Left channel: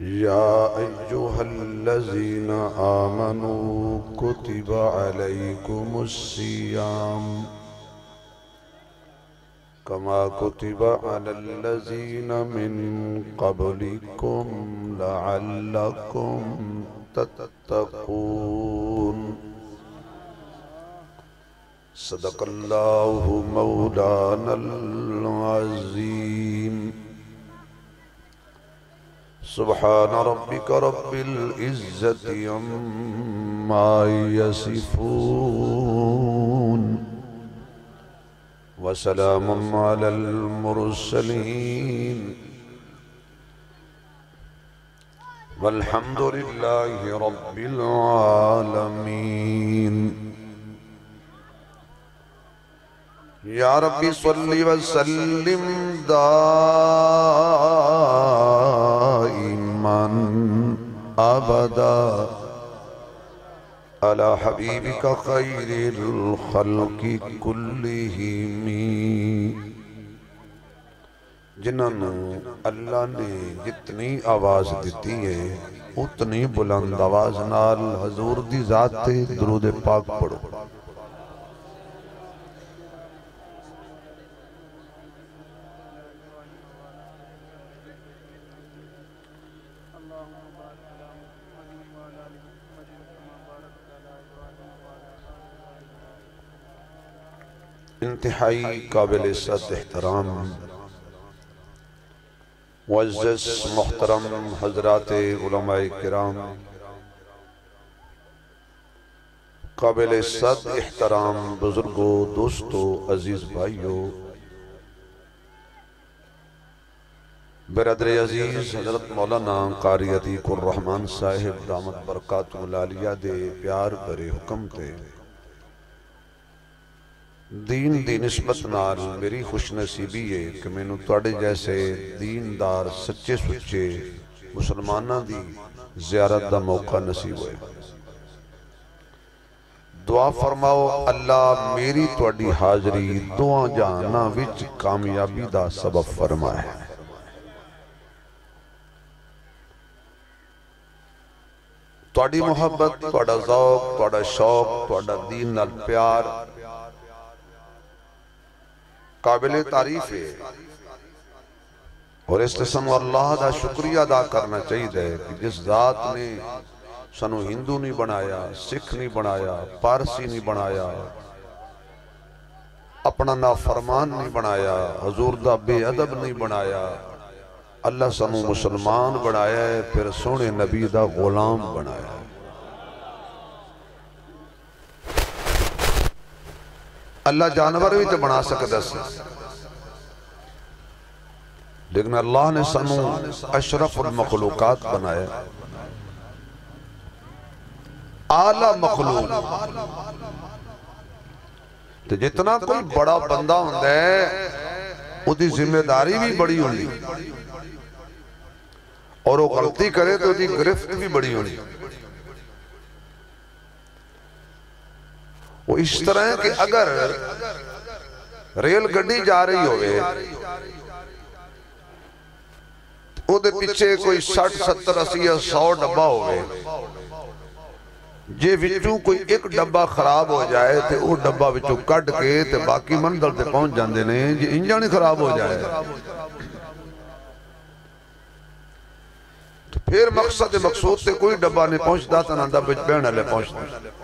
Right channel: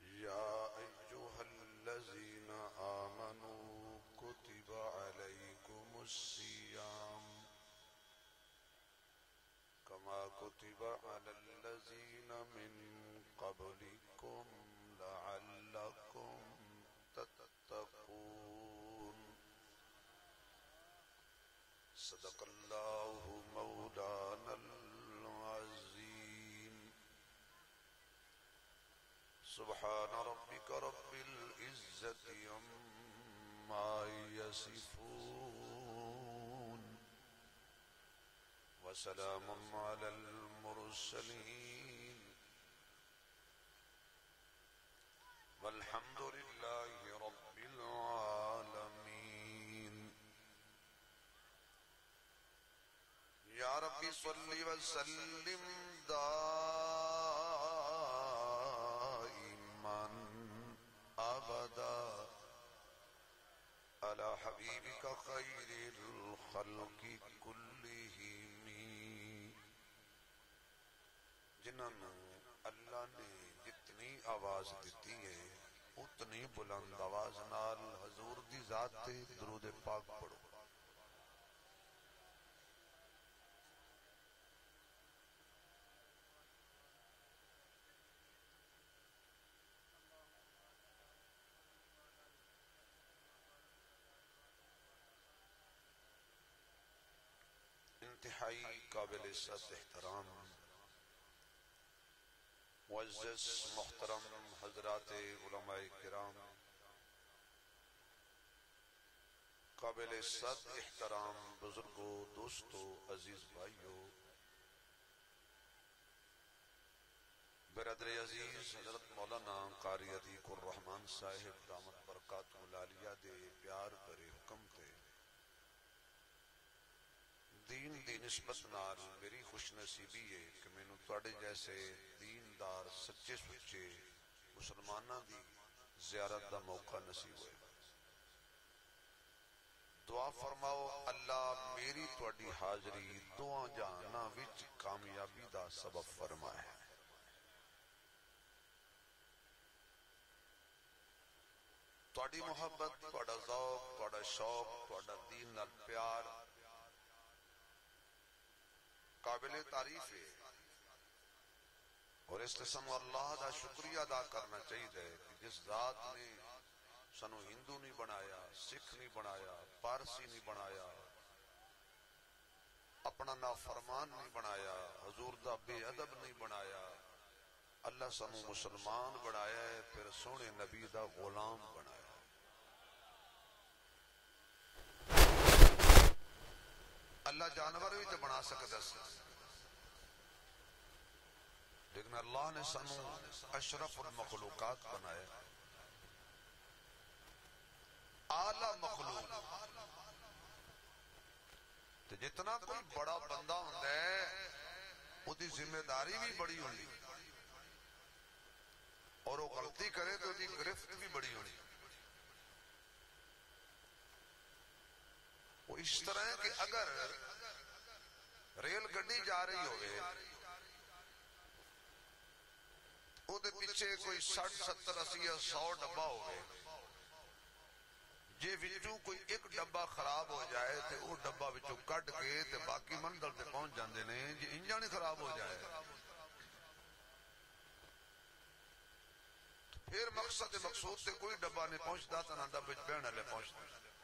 يا أيها الذين آمنوا كتب عليكم الصيام كما كتب على الذين من قبلكم لعلكم تتقون صدق الله مولانا العظيم سبحان ربك رب العزة عما يصفون وسلام على المرسلين والحمد لله رب العالمين يا ربي صل وسلم دائما أبدا على حبيبك خير الخلق كلهم جنہوں اللہ نے جتنی آواز دیتی ہے اتنی بلند آواز نال حضور دی ذات تے درود پاک پڑھو انتہائی قابل عزت احترام معزز محترم حضرات علماء کرام قابل عزت احترام بزرگوں دوستوں عزیز بھائیوں برادر عزیز حضرت مولانا قاری عتیق الرحمن صاحب دامت برکاتہ العالیہ دے پیار برے حکم تے دین دی نسبت نال میری خوش نصیبی ہے کہ میں نے توڑے جیسے دیندار سچے سچے مسلمانہ دی زیارت دا موقع نصیب ہوئے دعا فرماؤ اللہ میری توڑی حاضری دعا جانا وچ کامیابی دا سبب فرمائے توڑی محبت توڑا ذوق توڑا شوق توڑا دین نال پیار قابل تعریف ہے اور اس قسم اللہ دا شکریہ ادا کرنا چاہیے کہ جس ذات نے سنو ہندو نہیں بنایا سکھ نہیں بنایا پارسی نہیں بنایا اپنا نافرمان نہیں بنایا حضور دا بے ادب نہیں بنایا اللہ سنو مسلمان بنایا ہے پھر سونے نبی دا غلام بنایا ہے اللہ جانور بھی تو بنا سکتا سی لیکن اللہ نے سنو اشرف المخلوقات بنایا اعلیٰ مخلوق تو جتنا کوئی بڑا بندہ ہوندہ ہے وہ دی ذمہ داری بھی بڑی ہوندی اور وہ غلطی کرے تو دی گرفت بھی بڑی ہوندی وہ اس طرح ہے کہ اگر ریل گڈی جا رہی ہوئے وہ دے پیچھے کوئی 60 70 80 100 ڈبہ ہوئے جے وچوں کوئی ایک ڈبہ خراب ہو جائے تو وہ ڈبہ وچوں کٹ کے تے باقی منزل تے پہنچ جاندے نے جے انجن خراب ہو جائے تو پھر مقصد مقصود تے کوئی ڈبہ نہیں پہنچتا تو نہ ڈبہ پہنچ لے پہنچتا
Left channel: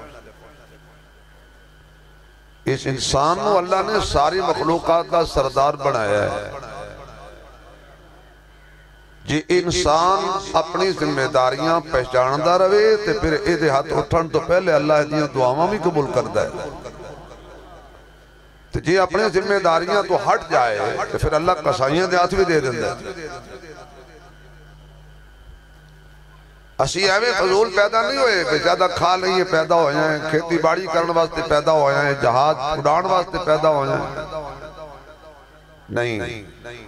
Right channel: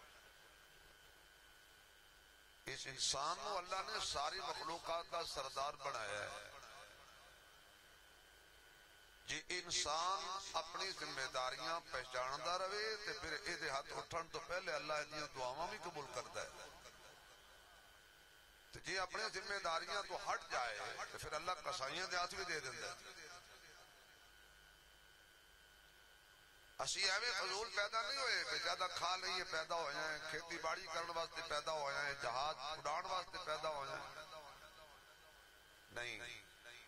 اس انسان کو اللہ نے ساری مخلوقات کا سردار بنایا ہے جی انسان اپنی ذمہ داریاں پہچاندہ رہے تو پھر ایدے ہاتھ اٹھن تو پہلے اللہ دیاں دعاواں بھی قبول کردہ ہے تو جی اپنی ذمہ داریاں تو ہٹ جائے تو پھر اللہ قصائیاں دے ہاتھ بھی دے دیں اسی ایویں فضول پیدا نہیں ہوئے کہ زیادہ کھا لئیے پیدا ہو جائیں کھیتی باڑی کرنے واسطے پیدا ہو جائیں جہاد اڑان واسطے پیدا ہو جائیں نہیں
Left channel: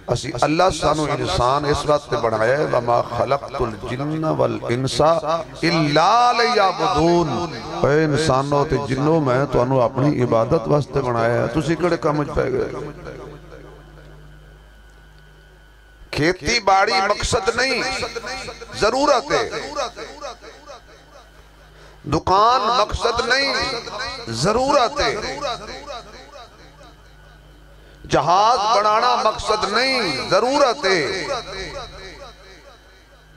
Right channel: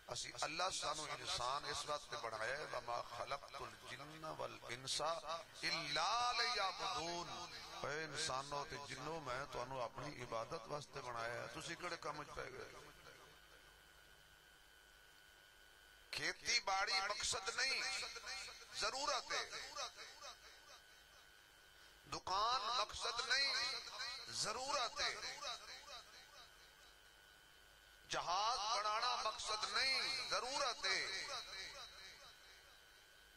اسی اللہ سانو انسان اس وقت بڑھائے وَمَا خَلَقْتُ الْجِنَّ وَالْإِنسَا إِلَّا لِيَعْبُدُونَ اے انسانوں تے جنوں میں تو انہوں اپنی عبادت واسطے بڑھائے تو اسی کڑے کامج پہ گئے کھیتی باڑی مقصد نہیں، ضرورت ہے۔ دکان مقصد نہیں، ضرورت ہے۔ جہاز بنانا مقصد نہیں، ضرورت ہے۔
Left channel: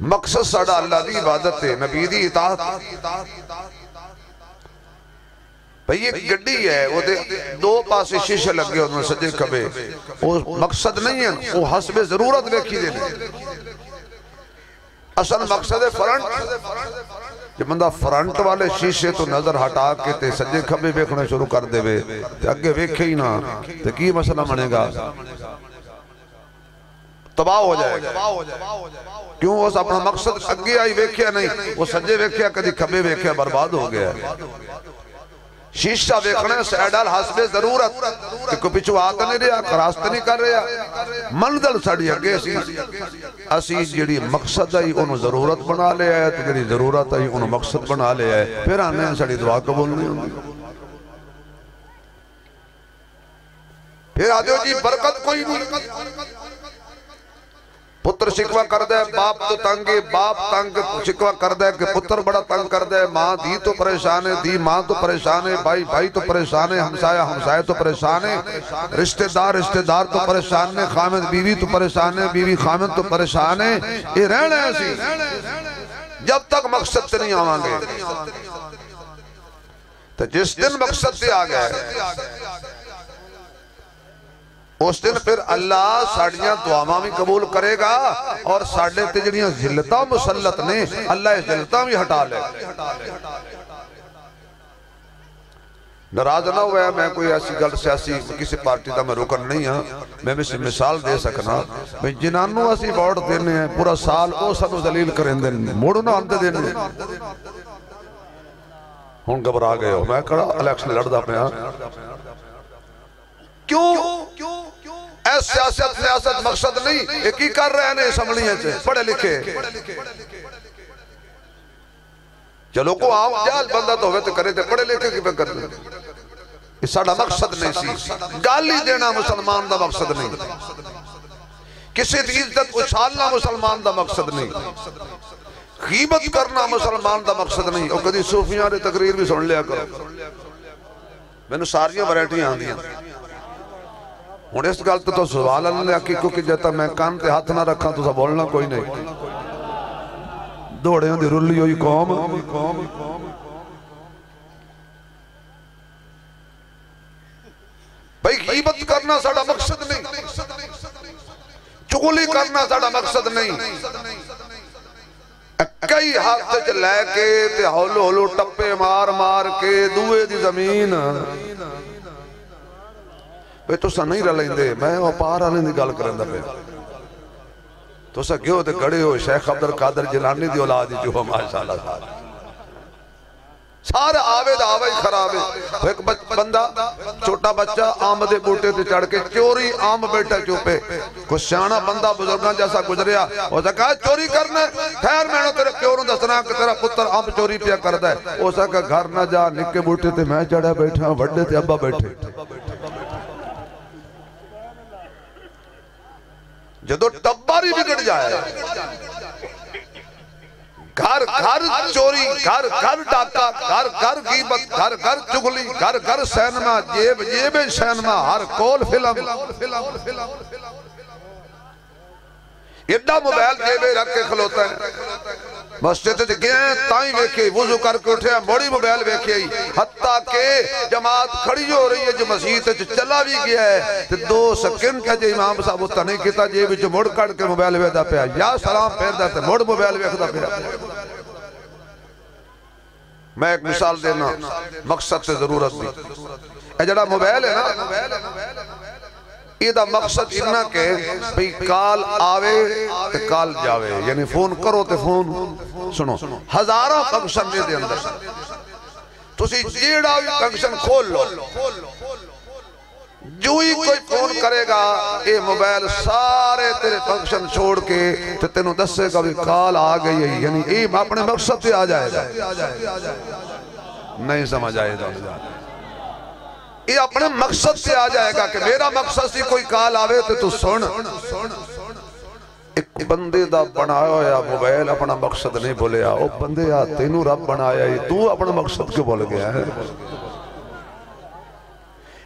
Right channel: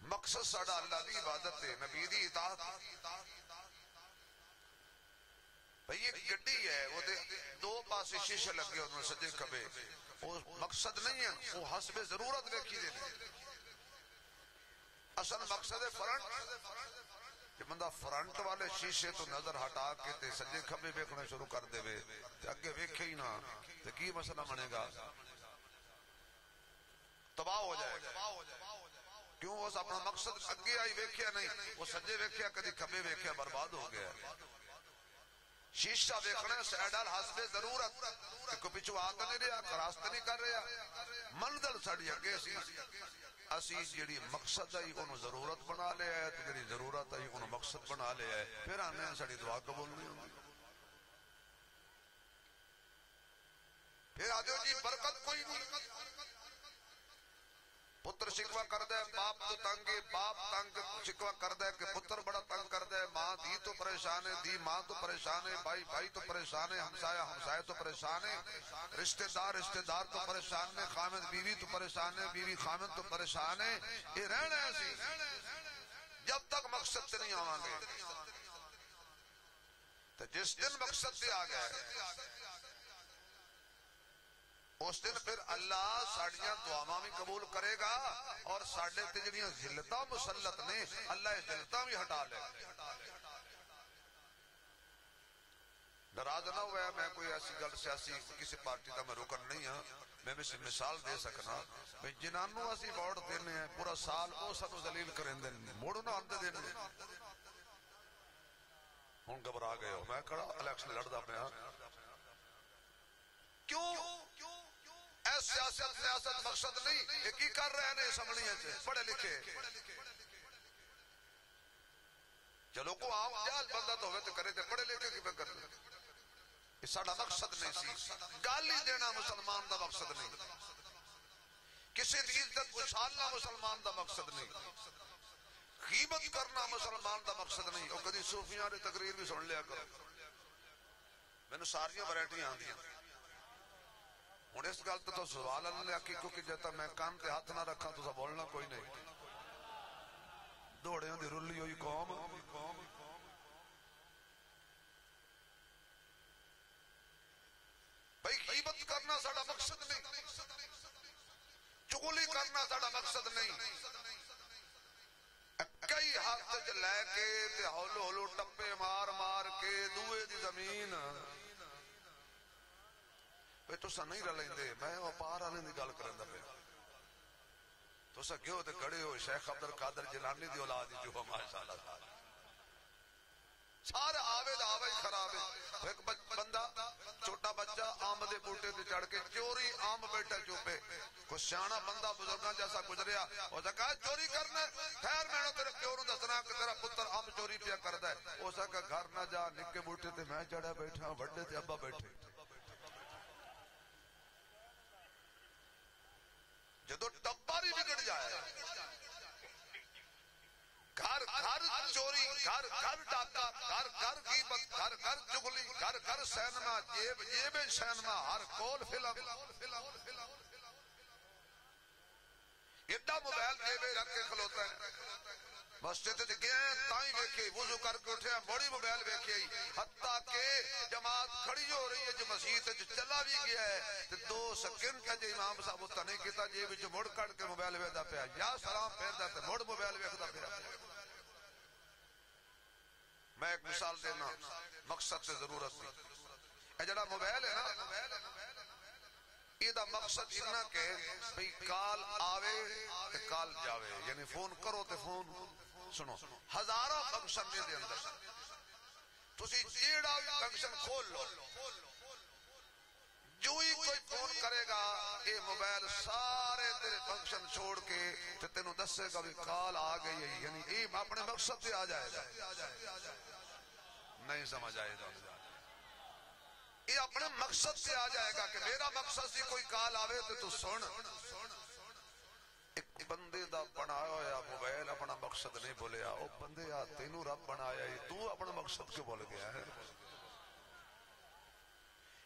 مقصد ساڑا اللہ دی عبادت ہے، نبی دی اطاعت۔ بھئی ایک گڈی ہے، وہ دو پاسے شیشے لگ گئے انہوں نے سجے کبھے، وہ مقصد نہیں ہے، وہ حسب ضرورت دیکھی دینے۔ اصل مقصد ہے فرنٹ، جب بندہ فرنٹ والے شیشے تو نظر ہٹا کے تے سجے کبھے بیکھنے شروع کر دے وے تے اگے بیکھے ہی نہ تے کی مسئلہ بنے گا؟ تباہ ہو جائے گا۔ کیوں وہ اپنا مقصد اگے آئی بیکھیا نہیں، وہ سجے بیکھیا کدی کبھے بیکھیا برباد ہو گیا ہے۔ شیشہ بیکھنے سیڈال حسب ضرورت کہ کوئی پچھو آتا نہیں رہا، راستہ نہیں کر رہا، منزل ساڑی اگے سی اسی جڑی مقصد آئی انہوں ضرورت بنا لے آئے تو جڑی ضرورت آئی انہوں مقصد بنا لے آئے، پھر آنے ہیں ساڑی دعا قبول نہیں ہوگی۔ پھر آدھو جی برکت کوئی نہیں، پتر شکوہ کر دے باپ تو تنگے، باپ تنگ شکوہ کر دے کہ پتر بڑا تنگ کر دے، ماں دی تو پریشان ہے، دی ماں تو پریشان ہے، بھائی بھائی تو پریشان ہے، ہمسایہ تو پریشان ہے، رشتہ دار تو پریشان ہے، خامد بیوی تو پریشان ہے، بیوی خامد تو پریشان ہے۔ یہ رہنا ہے اسی جب تک مقصد سے نہیں آوان گے۔ تو جس دن مقصد سے آ گئے اس دن پھر اللہ ساڑیاں دعاواں بھی قبول کرے گا اور ساڑھے تجڑیاں ذلتاں مسلط نے اللہ اس ذلتاں بھی ہٹا لے۔ ناراض نہ ہوا ہے، میں کوئی ایسی گل سیاسی کسی پارٹی دا میں رکن نہیں ہاں، میں بھی مثال دے سکنا میں جنانوں اسی ووٹ دینے ہیں پورا سال او سانو ذلیل کریں دیں موڑو نہ آندے دینے ہون گھبرا گئے ہو، میں کڑا الیکشن لڑ دا پہ ہاں۔ کیوں اے سیاست مقصد نہیں، ایک ہی کر رہے ہیں اسمبلیاں سے پڑھے لکھے، چلو کو آؤ جال بندہ تو ہوئے تو کرے تھے پڑھے لکھے کی پہ کرنے، اس ساڑھا مقصد نہیں سی، گالی دینا مسلمان دا مقصد نہیں، کسی دی عزت اچھالنا مسلمان دا مقصد نہیں، غیبت کرنا مسلمان دا مقصد نہیں۔ اور کدی صوفیاں نے تقریر بھی سن لیا کرو، میں نے ساریاں ورائٹیاں آن دیا ہوں اس گل تو سوال اللہ کی کیونکہ جاتا میں کان تے ہاتھ نہ رکھا تو سا بولنا کوئی نہیں، دوڑے ہوں دی رلی ہوئی قوم، بھئی غیبت کرنا ساڑا مقصد نہیں، چگلی کرنا ساڑا مقصد نہیں، کئی ہاتھ لے کے تے ہولو ٹپے مار کے دوئے دی زمین بھئی تو سا نہیں رلیں دے، میں وہ پار آنے دی گل کریں دا پہ تو سا گیو دے گھڑے ہو شیخ عبدالقادر جیلانی دی اولادی جو ہو ماشاءاللہ سارا آوے دا آوے خرابے، ایک بندہ چھوٹا بچہ آم دے بوٹے تے چڑھ کے چوری آم بیٹھا چوپے، کچھ شانہ بندہ بزرگاں جیسا گزریا وہ سا کہا چوری کرنا ہے، خیر میں نے تیرے کیوروں دسنا کہ تیرا پتر آم چوری پیا کردہ ہے، وہ سا کہا گھر نہ جا نکے بوٹے تے میں چڑھا بیٹھا وڈے تے ابا بیٹھے جدو ٹباری بگڑ جائے گھر چوری، گھر ڈاکا، گھر غیبت، گھر چگلی، گھر سینما، جیب سینما، ہر کول فلم ایڈا موبائل جیبے رکھ کے کھلوتا ہے مسجد تے گئے تائیں ویکھے وضو کر کے اٹھے بڑی موبائل ویکھے حتیٰ کہ جماعت کھڑی ہو رہی ہے جو مسجد تے چلا بھی گیا ہے تے 2 سیکنڈ کا جو امام صاحب ہوتا نہیں کیتا جیب جو مڑ کڑ کے موبائل ویدہ پیا یا سلام پھیر دا تے مڑ موبائل ویکھدا پیا۔ میں ایک مثال دینا مقصد سے ضرورت بھی اے جڑا موبائل ہے نا یہ دا مقصد اتنا کہ بھئی کال آوے تے کال جاوے یعنی فون کرو تے فون سنو ہزارہ فنکشن میں دے اندر تسی جیڑا بھی فنکشن کھول لو جو ہی کوئی فون کرے گا اے موبائل سارے تیرے فنکشن چھوڑ کے تے تینوں دسے گا بھی کال آ گئی ہے یعنی اے اپنے مقصد سے آ جائے گا نہیں سمجھ آئے گا یہ اپنے مقصد سے آ جائے گا کہ میرا مقصد سے کوئی کال آوے تو سن ایک بندے دا بنایا ہویا موبائل اپنا مقصد نہیں بولیا، او بندے آ تینوں رب بنایا ہی تو اپنا مقصد کیوں بول گیا ہے؟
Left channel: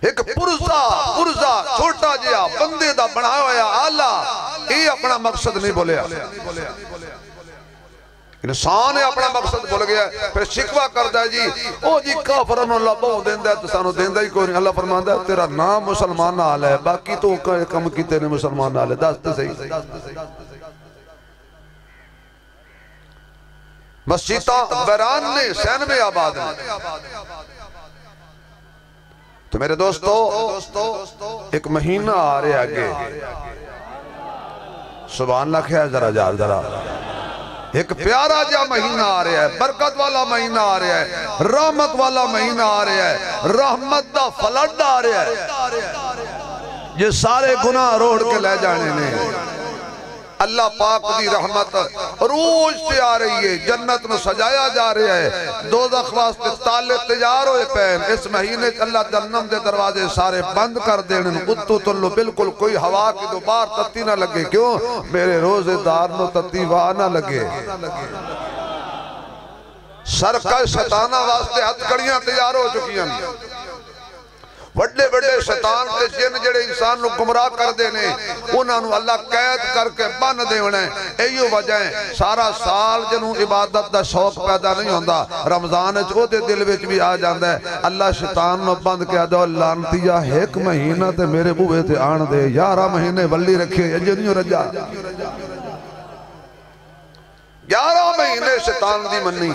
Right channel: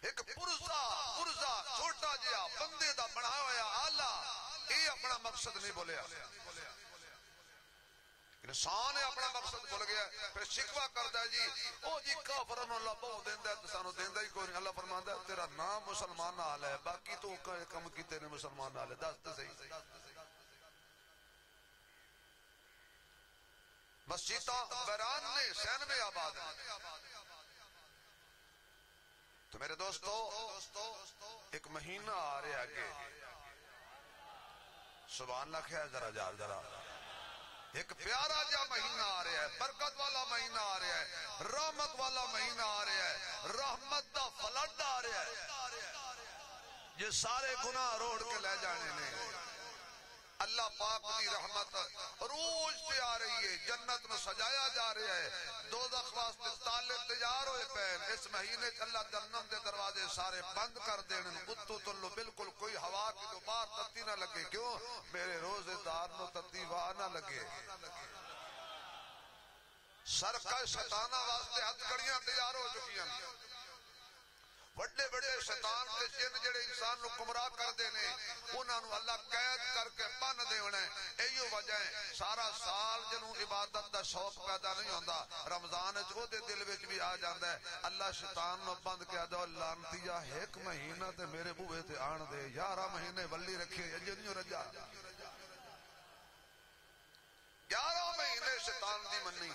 ایک پرزا چھوٹا جیا بندے دا بنایا ہویا آلہ یہ اپنا مقصد نہیں بولیا، انسان اپنا مقصد بھول گیا ہے، پھر شکوہ کرتا ہے جی او جی کافران اللہ بہو دیندہ ہے تو سانو دیندہ ہی کوئی نہیں۔ اللہ فرماندہ ہے تیرا نام مسلمان نال ہے، باقی تو کم کی تیرے مسلمان نال ہے، دست صحیح۔ مسجدہ بیران نے سین میں آباد نے، تو میرے دوستو ایک مہینہ آ رہے آگے، سبحان اللہ کیا ہے ذرا ایک پیارا جا مہینہ آ رہا ہے، برکت والا مہینہ آ رہا ہے، رحمت والا مہینہ آ رہا ہے، رحمت دا فلڈ آ رہا ہے، یہ سارے گناہ روڑ کے لے جانے نے۔ اللہ پاک دی رحمت روز سے آ رہی ہے، جنت میں سجایا جا رہا ہے، دوزخ واسطے تالے تیار ہوئے پہن۔ اس مہینے اللہ جنم دے دروازے سارے بند کر دینے، اتو تلو بالکل کوئی ہوا کی دوبار تتی نہ لگے، کیوں؟ میرے روزے دار نو تتی واہ نہ لگے۔ سرکش شیطانہ واسطے ہتھ کڑیاں تیار ہو چکی ہیں، بڑے بڑے شیطان تے جن جڑے انسان نو گمراہ کر دینے انہاں نو اللہ قید کر کے بن دے ہونے۔ ایو وجہ ہے سارا سال جنوں عبادت دا شوق پیدا نہیں ہوندا، رمضان او دے دل وچ بھی آ جاندا ہے۔ اللہ شیطان نو بند کیا دو لانتیا ایک مہینہ تے میرے بوئے تے آن دے، 11 مہینے ولی رکھے جنیوں رجا، 11 مہینے شیطان دی منی،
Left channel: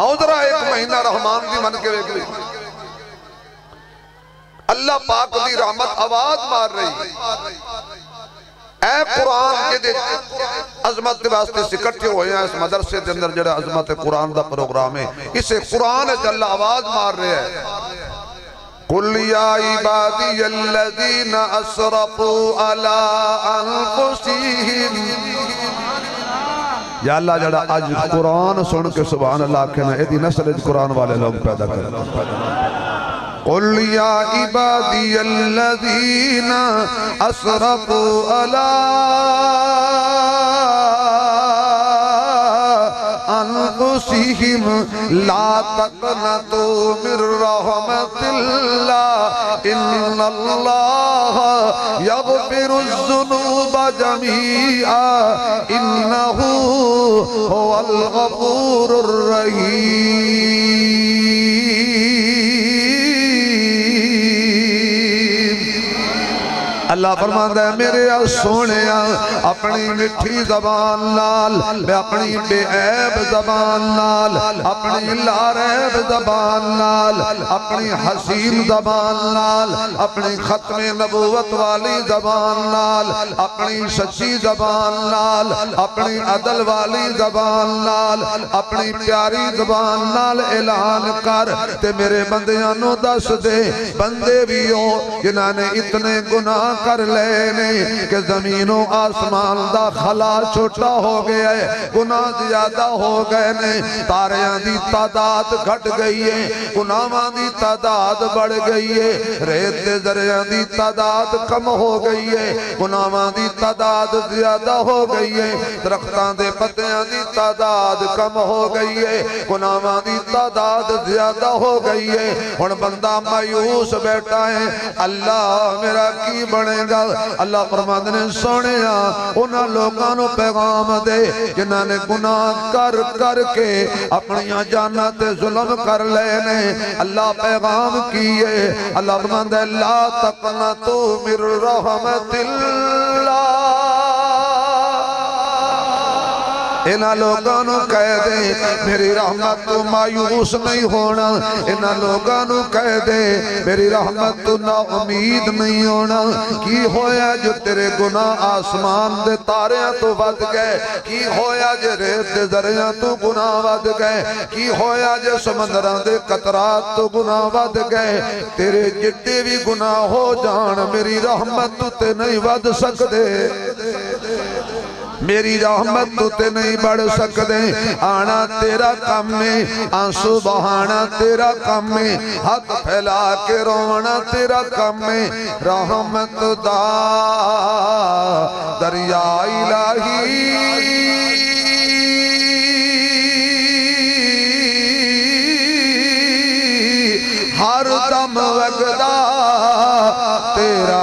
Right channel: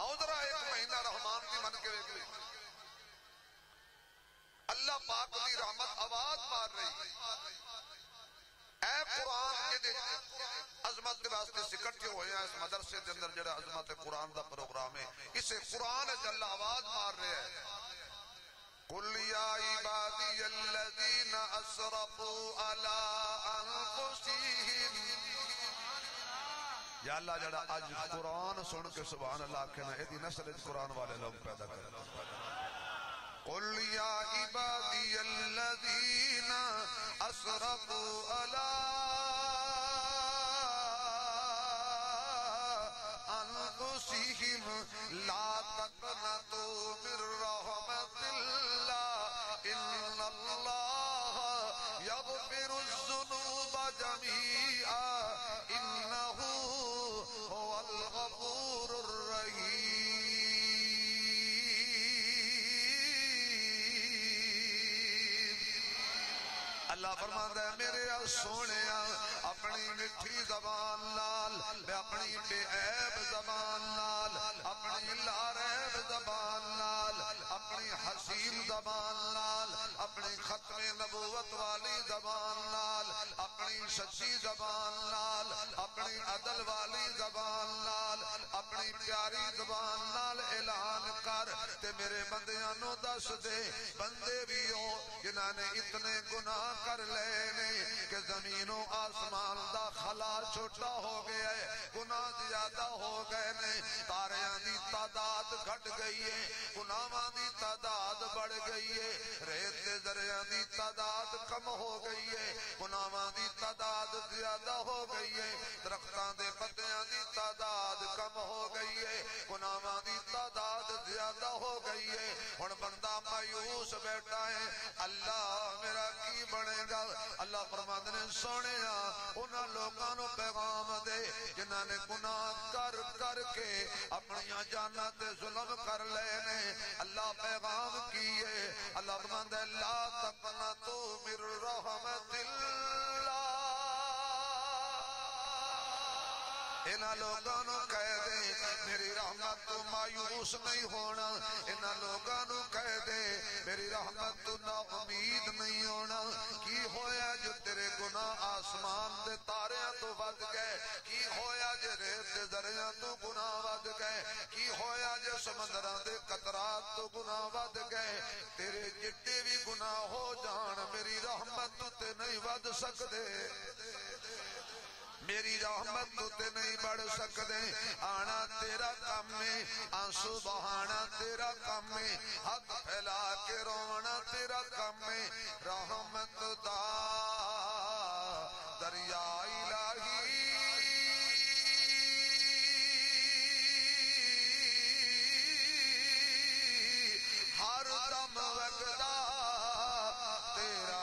آؤ ذرا ایک مہینہ رحمان دی من کے ویک لی۔ اللہ پاک دی رحمت آواز مار رہی، اے قرآن کے دے عظمت واسطے سکٹھے ہوئے ہیں اس مدرسے دے اندر جڑا عظمت قرآن دا پروگرام ہے، اسے قرآن ہے جل آواز مار رہے ہیں۔ قُلْ يَا عِبَادِيَ الَّذِينَ أَسْرَفُوا عَلَىٰ أَنفُسِهِمْ۔ یا اللہ جڑا آج قرآن سن کے سبحان اللہ کہنا ایدی نسل قرآن والے لوگ پیدا کرنا۔ قُلْ يَا عِبَادِيَ الَّذِينَ أَسْرَفُوا عَلَىٰ أَنفُسِهِمْ لَا تَقْنَطُوا مِن رَحْمَتِ اللَّهِ إِنَّ اللَّهَ يَغْفِرُ الذُّنُوبَ جَمِيعًا إِنَّهُ هُوَ الْغَفُورُ الرَّحِيمُ۔ اللہ فرماتا ہے میرے سونیا اپنی مٹھی زبان نال، میں اپنی بے عیب زبان نال، اپنی لاریب زبان نال، اپنی حسین زبان نال، اپنی ختم نبوت والی زبان نال، اپنی سچی زبان نال، اپنی عدل والی زبان نال، اپنی پیاری زبان نال اعلان کر تے میرے بندیاں نو دس دے، بندے بھی ہو جنہاں نے اتنے گناہ کر لینے کہ زمین و آسمان دا خلا چھوٹا ہو گیا ہے، گناہ زیادہ ہو گئے نے، تاریاں دی تعداد گھٹ گئی ہے، گناہاں دی تعداد بڑھ گئی ہے، ریت دے ذریعہ دی تعداد کم ہو گئی ہے، گناہاں دی تعداد زیادہ ہو گئی ہے، درختان دے پتیاں دی تعداد کم ہو گئی ہے، گناہاں دی تعداد زیادہ ہو گئی ہے۔ اور بندہ مایوس بیٹھا ہے، اللہ میرا کی بنے گا؟ اللہ فرماتے نے سونیا انہاں لوگاں نو پیغام دے جنہاں نے گناہ کر کر کے اپنی جاناں تے ظلم کر لینے، اللہ پیغام کیے، اللہ فرماتے ہیں لا تقنطوا من رحمت اللہ، انہاں لوگاں نو کہہ دے میری رحمت تو مایوس نہیں ہونا، انہاں لوگاں نو کہہ دے میری رحمت تو نا امید نہیں ہونا۔ کی ہویا جو تیرے گناہ آسمان دے تاریاں تو ود گئے، کی ہویا جو ریت دے ذریعہ تو گناہ ود گئے، کی ہویا جو سمندران دے قطرات تو گناہ ود گئے، تیرے جتنے بھی گناہ ہو جان میری رحمت تو تے نہیں ود سکدے۔ میری رحمت تو تے نہیں بڑھ سکدے آنا تیرا کم میں آنسو بہانا تیرا کم میں ہاتھ پھیلا کے رونا تیرا کم میں رحمت دا دریا الہی ہر دم وگدا تیرا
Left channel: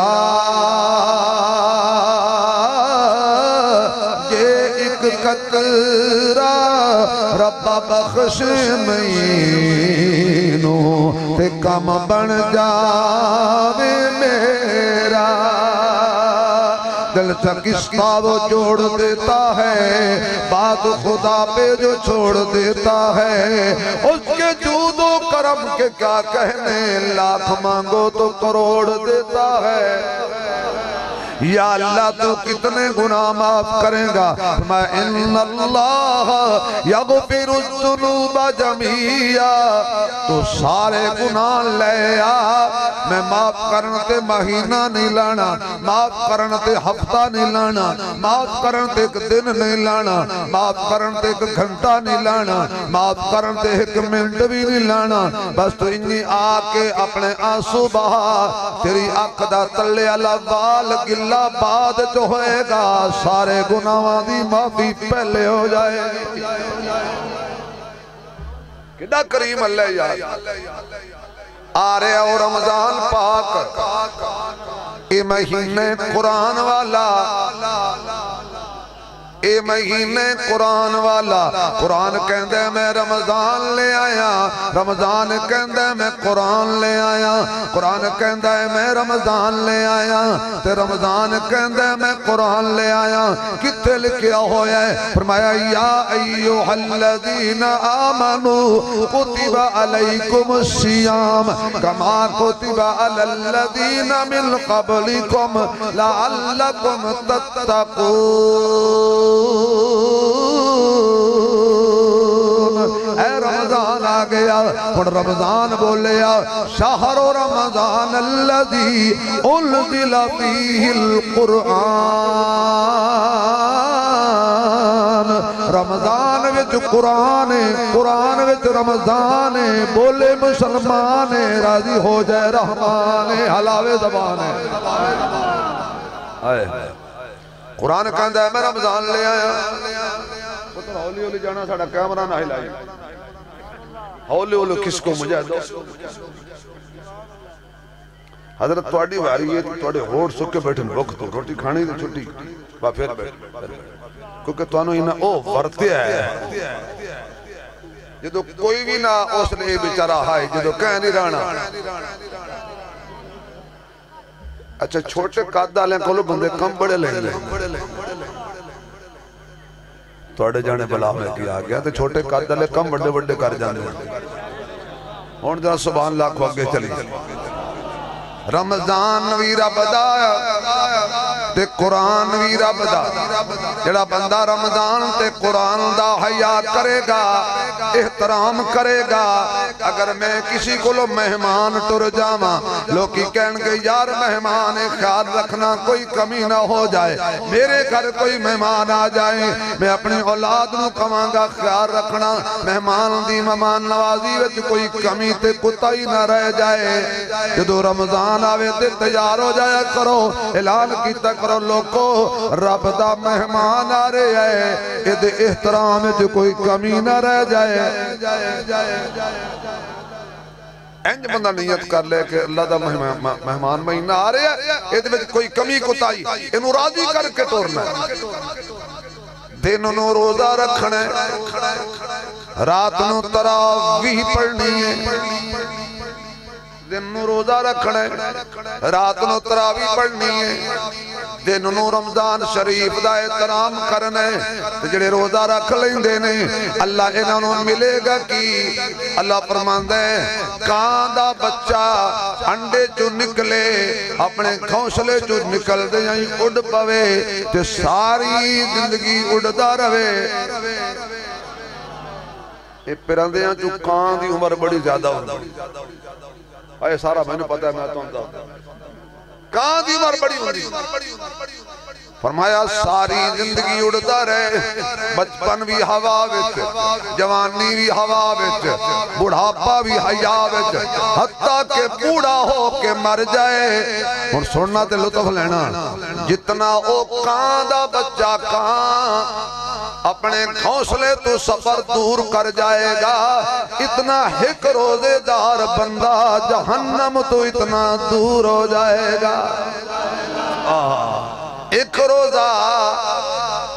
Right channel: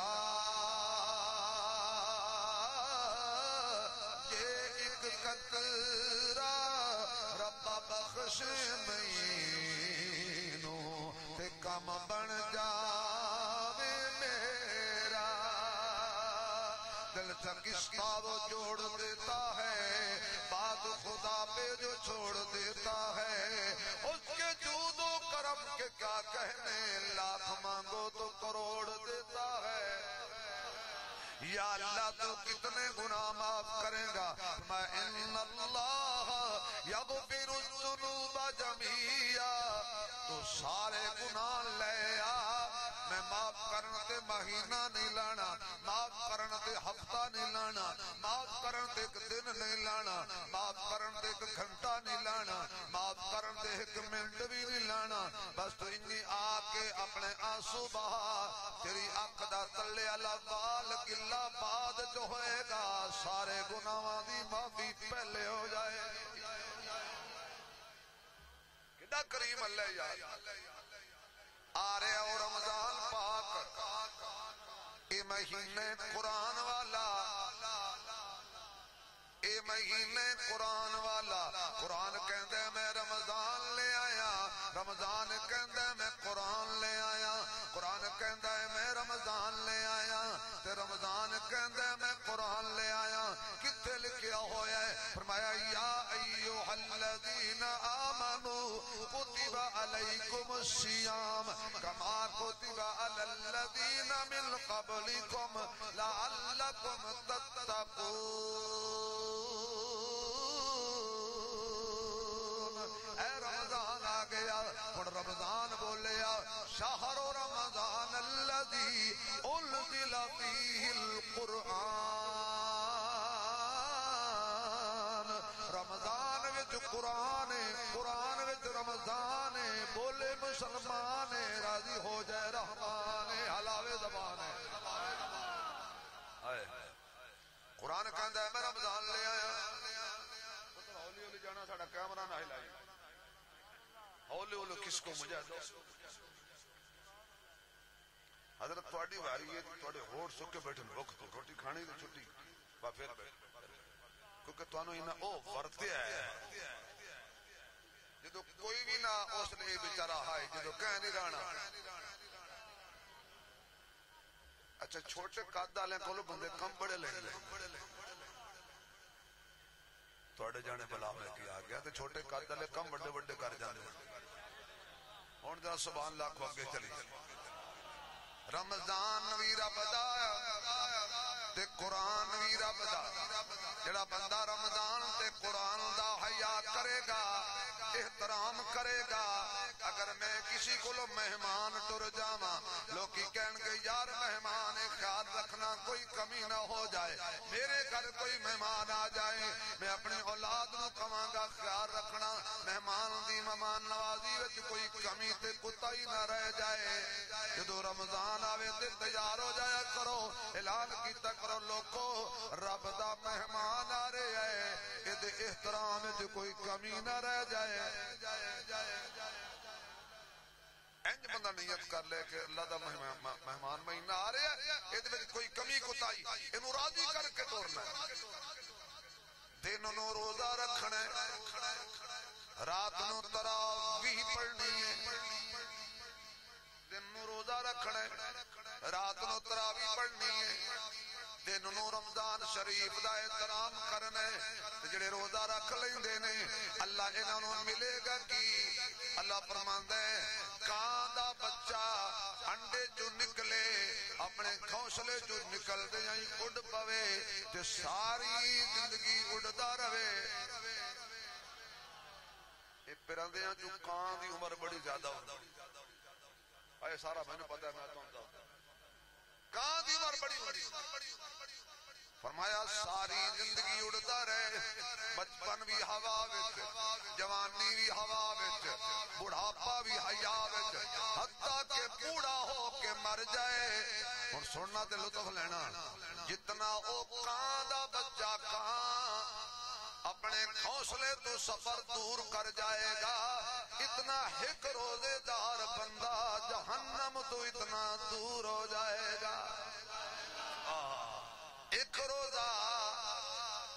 یہ ایک قطرہ ربا بخش مینوں تے کم بن جاوے میرا دل چکستہ وہ جوڑ دیتا ہے بات خدا پہ جو چھوڑ دیتا ہے اس کے جود و کرم کے کیا کہنے لاکھ مانگو تو کروڑ دیتا ہے یا اللہ تو کتنے گناہ معاف کریں گا میں ان اللہ یغفر الذنوب جمیعا تو سارے گناہ لے آ میں معاف کرنتے مہینہ نہیں لانا معاف کرنتے ہفتہ نہیں لانا معاف کرنتے ایک دن نہیں لانا معاف کرنتے ایک گھنٹہ نہیں لانا معاف کرنتے ایک منٹ بھی نہیں لانا بس تو انی آکے اپنے آنسو بہا تیری اقدہ تلے اللہ بال گل اللہ بعد جو ہوئے گا سارے گناہاں دی معافی پہلے ہو جائے کدہ کریم اللہ یاد آ رہے ہو رمضان پاک اے مہینے قرآن والا اے مہینے قرآن والا قرآن کہندے میں رمضان لے آیا رمضان کہندے میں قرآن لے آیا قرآن کہندے میں رمضان لے آیا تے رمضان کہندے میں قرآن لے آیا کتے لکھیا ہویا ہے فرمایا یا ایوہ الذین آمنوا کتب علیکم الصیام کما کتب علی الذین من قبلکم لعلکم تتقون اے رمضان آ گیا اور رمضان بولیا شہر رمضان الذی انزل فیہ القرآن رمضان وچ قرآن قرآن وچ رمضان بولے مسلمان راضی ہو جائے رحمان حلاوے زبان آئے قرآن کہندہ ہے میں رمضان لے آیا پتر ہولی ہولی جانا ساڑھا کیمرہ نہ ہلائی ہولی ہولی کس کو مجھے دو حضرت توڑی واری ہے توڑے ہوڑ سکے بیٹھن وقت روٹی کھانی دی چھٹی با پھر بیٹھ کیونکہ توانو ہی نہ او ورتے ہے جدو کوئی بھی نہ اس نے بیچارہ ہائی جدو کہہ نہیں رانا اچھا چھوٹے قاد ڈالیں کولو بندے کم بڑے لیں لیں توڑے جانے بلا میں کیا گیا تو چھوٹے قاد ڈالیں کم بڑے بڑے کر جانے ہون جہاں سبحان اللہ کو آگے چلی رمضان وی رب دا تے قرآن وی رب دا جڑا بندہ رمضان تے قرآن دا حیا کرے گا احترام کرے گا اگر میں کسی کو لو مہمان ٹر جاما لوگی کہن گے یار مہمان خیال رکھنا کوئی کمی نہ ہو جائے میرے گھر کوئی مہمان آ جائے میں اپنی اولاد نو کمانگا خیال رکھنا مہمان دی مہمان نوازی وچ کوئی کمی تے کتا ہی نہ رہ جائے جدو رمضان آوے تے تیار ہو جایا کرو اعلان کیتا کرو لوگو رب دا مہمان آ رہے ہیں اد احترام جو کوئی کمی نہ رہ جائے اینج بندہ نیت کر لے کہ اللہ دا مہمان مہینہ آ رہے ہیں اد میں کوئی کمی کو تائی انہوں راضی کر کے توڑنا ہے دن انہوں روزہ رکھنا ہے رات انہوں تراویح پڑھنی ہے دن نو روزہ رکھنا ہے رات نو تراویح پڑھنی ہے دن نو رمضان شریف دا احترام کرنا ہے جڑے روزہ رکھ لیں دینے اللہ انہوں نے ملے گا کی اللہ فرماندہ ہے کان دا بچہ انڈے جو نکلے اپنے گھونسلے جو نکل دے یہیں اڑ پوے تے ساری زندگی اڑدا رہے اے پرندے ہیں جو کان دی عمر بڑی زیادہ ہوندی آئے سارا میں نے پتا ہے میں تو ہوں کہاں دی عمر بڑی ہوندی فرمایا ساری زندگی اڑتا رہے، بچپن بھی ہوا وچ، جوانی بھی ہوا وچ، بڑھاپا بھی حیا وچ، حتیٰ کہ بوڑھا ہو کے مر جائے۔ اور سننا تے لطف لینا، جتنا او کان دا بچہ کان اپنے گھونسلے تو سفر دور کر جائے گا، اتنا ایک روزے دار بندہ جہنم تو اتنا دور ہو جائے گا۔ ایک روزہ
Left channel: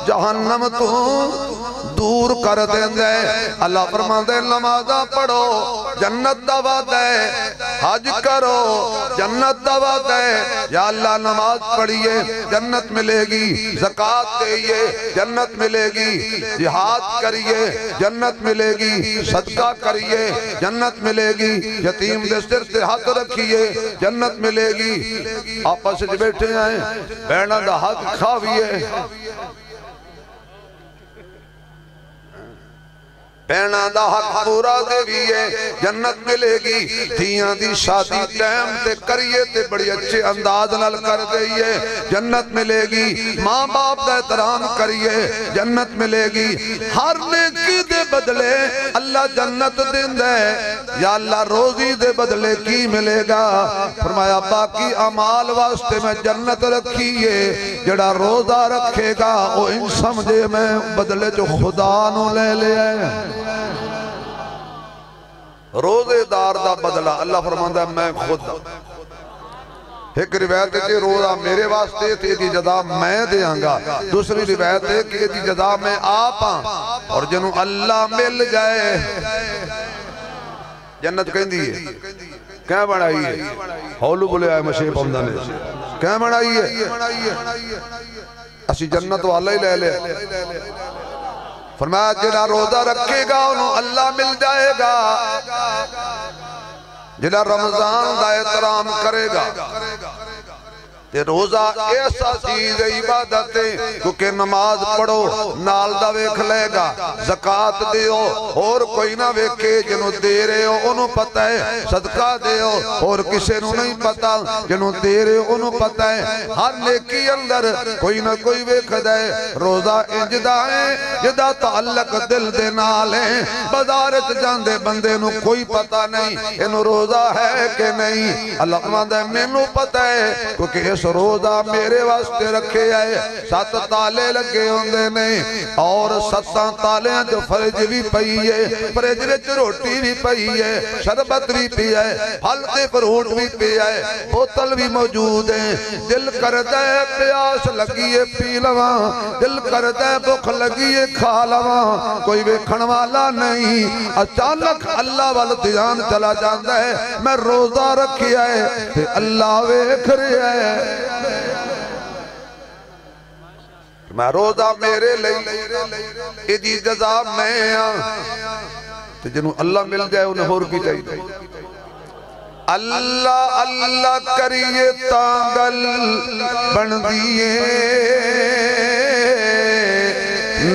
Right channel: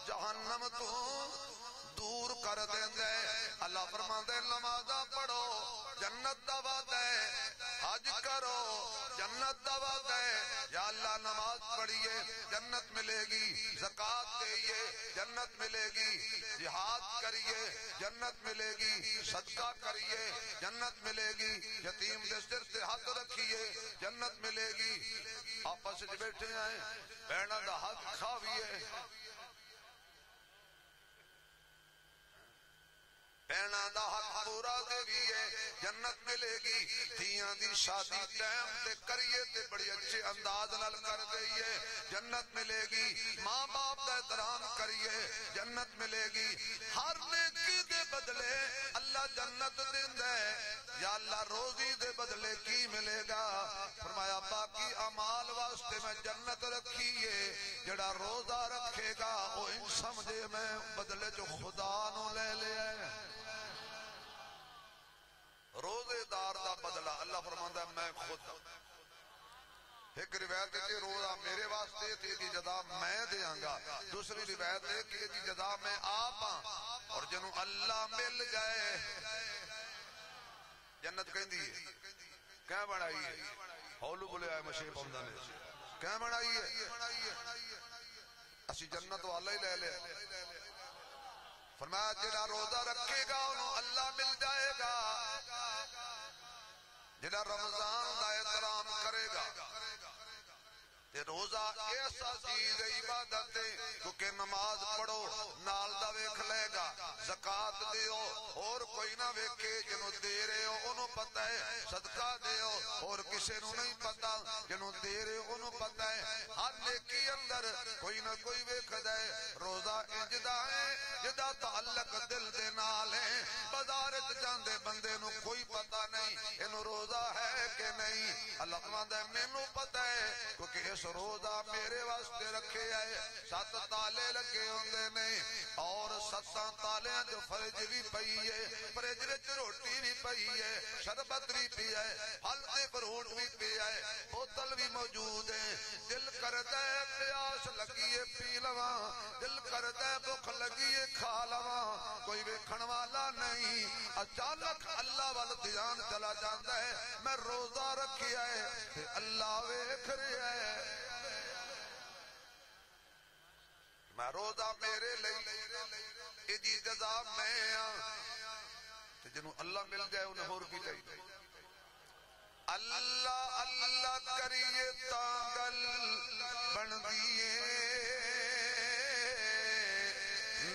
جہنم تو دور کر دیں دے۔ اللہ فرماندے نمازاں پڑھو جنت دا وعدہ ہے، حج کرو جنت دا وعدہ ہے۔ یا اللہ نماز پڑھیے جنت ملے گی، زکوٰۃ دئیے جنت ملے گی، جہاد کریے جنت ملے گی، صدقہ کریے جنت ملے گی، یتیم دے سر سے ہاتھ رکھیے جنت ملے گی۔ آپس وچ بیٹھے ہیں، بہناں دا حق کھاویے، بہناں دا حق پورا دیویے جنت ملے گی۔ دھیاں دی شادی ٹائم تے کریے تے بڑی اچھے انداز نال کر دئیے جنت ملے گی۔ ماں باپ دا احترام کریے جنت ملے گی۔ ہر نیکی دے بدلے اللہ جنت دین دے۔ یا اللہ روزی دے بدلے کی ملے گا؟ فرمایا باقی اعمال واسطے میں جنت رکھیے، جڑا روزہ رکھے گا وہ ان سمجھے میں بدلے جو خدا نو لے لے آئے۔ روزے دار دا بدلہ اللہ فرماندہ ہے میں خود۔ ایک روایت ہے کہ روزہ میرے واسطے تھی دی جزا میں دیاں گا، دوسری روایت ہے کہ دی جزا میں آپ ہاں، اور جنہوں اللہ مل جائے جنت کہیں دیئے کہیں بڑھائی ہے؟ ہولو بلے آئے مشیب حمدہ نے کہیں بڑھائی ہے؟ اسی جنت والا ہی لے لے۔ فرمایا جنہا روزہ رکھے گا انہوں اللہ مل جائے گا، جنہا رمضان دا احترام کرے گا۔ تے روزہ ایسا چیز عبادت ہے کیونکہ نماز پڑھو نال دا ویکھ لے گا، زکوٰۃ دیو اور کوئی نہ ویکھے، جنہوں دے رہے ہو انہوں پتہ ہے، صدقہ دیو اور کسے نو نہیں پتہ، جنہوں دے رہے ہو انہوں پتہ ہے۔ ہر نیکی اندر کوئی نہ کوئی ویکھ دے۔ روزہ انجدہ ہے جدہ تعلق دل دے نال ہے، بازارت جاندے بندے نو کوئی پتہ نہیں انہوں روزہ ہے کہ نہیں۔ اللہ فرماتا ہے میں نو پتہ ہے کیونکہ اس روزہ میرے واسطے رکھے آئے، 7 تالے لگے ہوندے نہیں، اور 7 تالیاں جو فرج بھی پئی ہے، فرج وچ روٹی بھی پئی ہے، شربت بھی پی ہے، پھل تے فروٹ بھی پی ہے، بوتل بھی موجود ہے۔ دل کرتا ہے پیاس لگی ہے پی لواں، دل کرتا ہے بھوک لگی ہے کھا لواں، کوئی ویکھن والا نہیں۔ اچانک اللہ وال دھیان چلا جاندا ہے، میں روزہ رکھیا ہے تے اللہ ویکھ رہا ہے۔ میں روزہ میرے لئی ایدی جزا میں آن تو جنہوں اللہ مل جائے انہیں ہور کی چاہیے۔ اللہ اللہ کریے تانگل بن دیئے،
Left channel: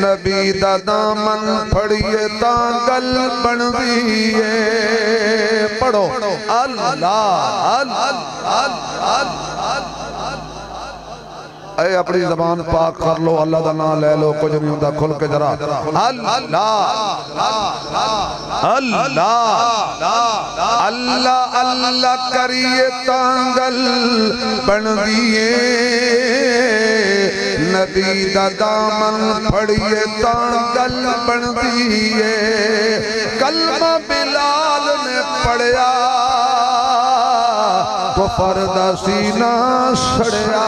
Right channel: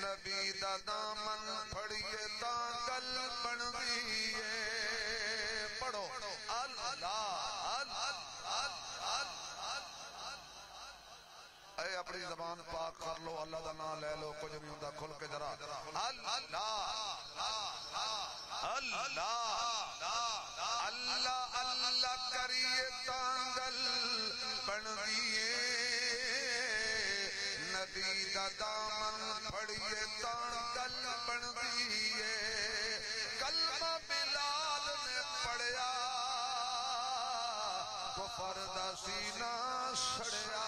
نبی دا دامن پھڑیے تانگل بن دیئے۔ پڑھو اللہ اے اپنی زبان پاک کر لو، اللہ دا نام لے لو، کچھ نہیں ہوتا کھل کے ذرا اللہ اللہ اللہ کریے تانگل بن دیئے، نبی دا دامن پھڑیے تانگل بن دیئے۔ کلمہ بلال نے پڑھیا کفر دا سینہ سڑیا،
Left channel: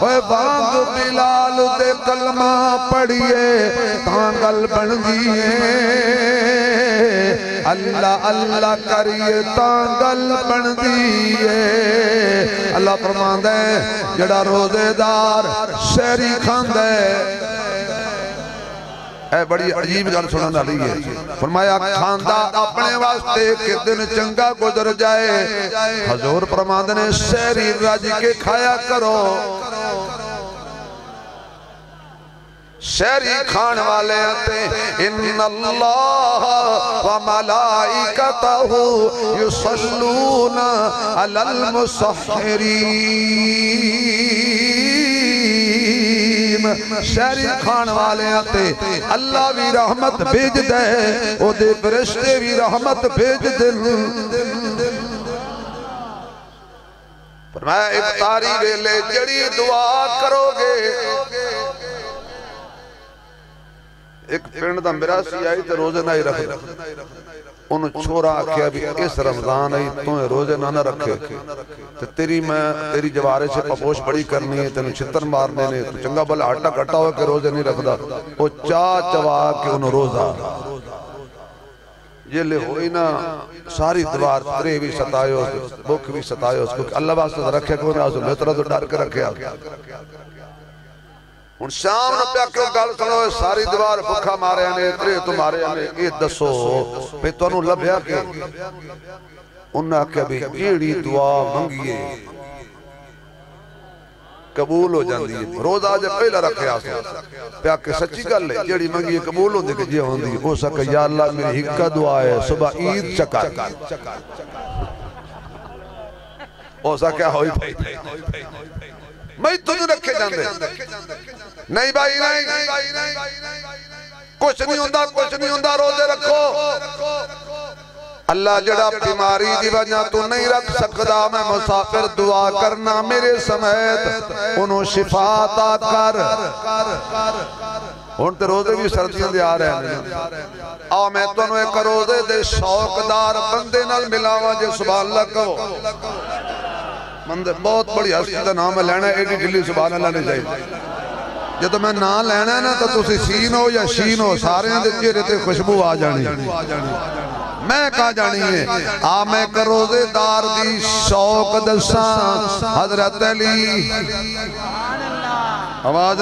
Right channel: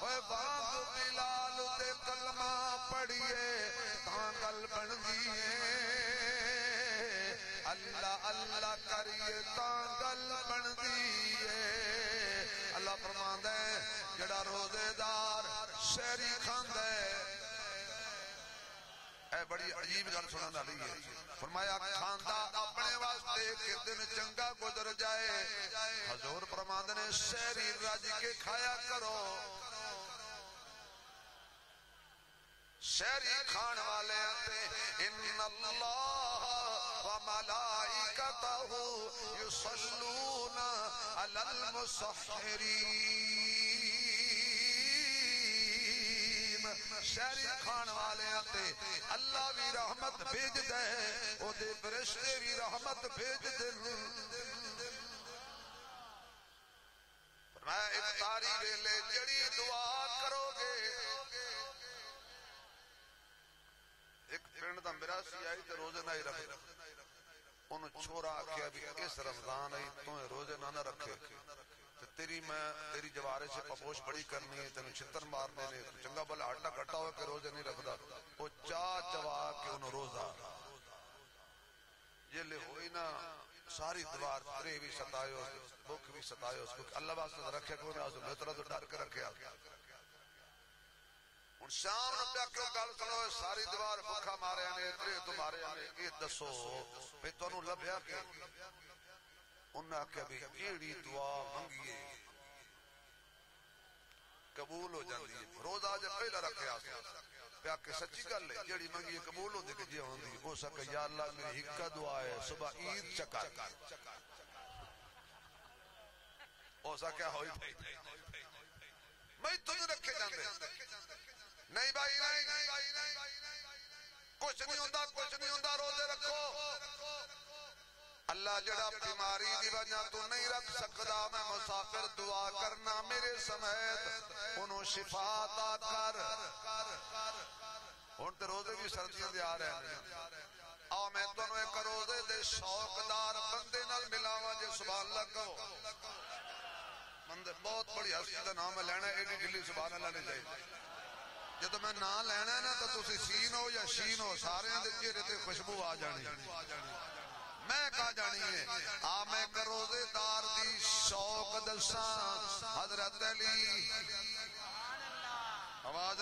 اوے بانگ بلال دے کلمہ پڑھیے تانگل بن دیئے۔ اللہ اللہ کریے تانگل بن دیئے۔ اللہ فرماندہ ہے جڑا روزے دار سحری کھاندہ ہے، اے بڑی عجیب گل سنن والی ہے۔ فرمایا کھاندا اپنے واسطے کہ دن چنگا گزر جائے، حضور فرماندے نے سحری رج کے کھایا کرو۔ سحری کھان والے آتے ان اللہ و ملائکتہ یصلون علی المسحرین، شہری کھان والے آتے اللہ بھی رحمت بھیج دے او دے فرشتے بھی رحمت بھیج دے فرمایا افطاری ویلے جڑی دعا کرو گے ایک پنڈ دا مراسی آئی تے روزے نہ ہی رکھ انہوں چھوڑا آکھیا بھی اس رمضان آئی تو روزے نہ رکھے تیری جوارے سے پپوش بڑی کرنی ہے تینوں چھتر مارنے نے تو چنگا بھلا آٹا کٹا ہوئے کہ روزے نہیں رکھ دا وہ چوا کے انہوں روزہ یہ لے ہوئی نا ساری دوار ترے بھی ستائے ہو بک بھی ستائے ہو کیونکہ اللہ واسطہ رکھے کون ہے میں طرح تو ڈر کے رکھے ان شام نہ پیا کیوں گل سنو ساری دوار بکھا مارے آنے ترے تمہارے آنے یہ دسو پہ تو انہوں لبھیا کہ انہاں کہ بھی جیڑی دعا منگیے قبول ہو جاندی ہے روز آج پہلا رکھے آسا پیا کہ سچی گل ہے جیڑی منگیے قبول ہو دے کہ جی ہوں دی ہو سکا یا اللہ میری ہکا دعا ہے صبح عید چکا ہو سکا ہوئی بھائی میں تجھے رکھے جاندے نہیں بھائی نہیں کچھ نہیں ہوندہ روزے رکھو اللہ جڑا بیماری دی وجہ تو نہیں رکھ سکتا میں مسافر دعا کرنا میرے سمیت انہوں شفا عطا کر ہون تے روزے بھی سردیاں دے آ رہے ہیں آؤ میں تو انہوں ایک روزے دے شوقدار بندے نال ملاوا جے سبحان اللہ کہو بہت بڑی ہستی دا نام ہے لینا ایڈی ڈلی سبحان اللہ نے چاہیے جب تو میں نام لینا ہے نا تو تسی سین ہو یا شین ہو سارے ہیں دے چہرے تے خوشبو آ جانی میں کہا جانی ہے میں کا روزے دار دی شوق دساں حضرت علی آواز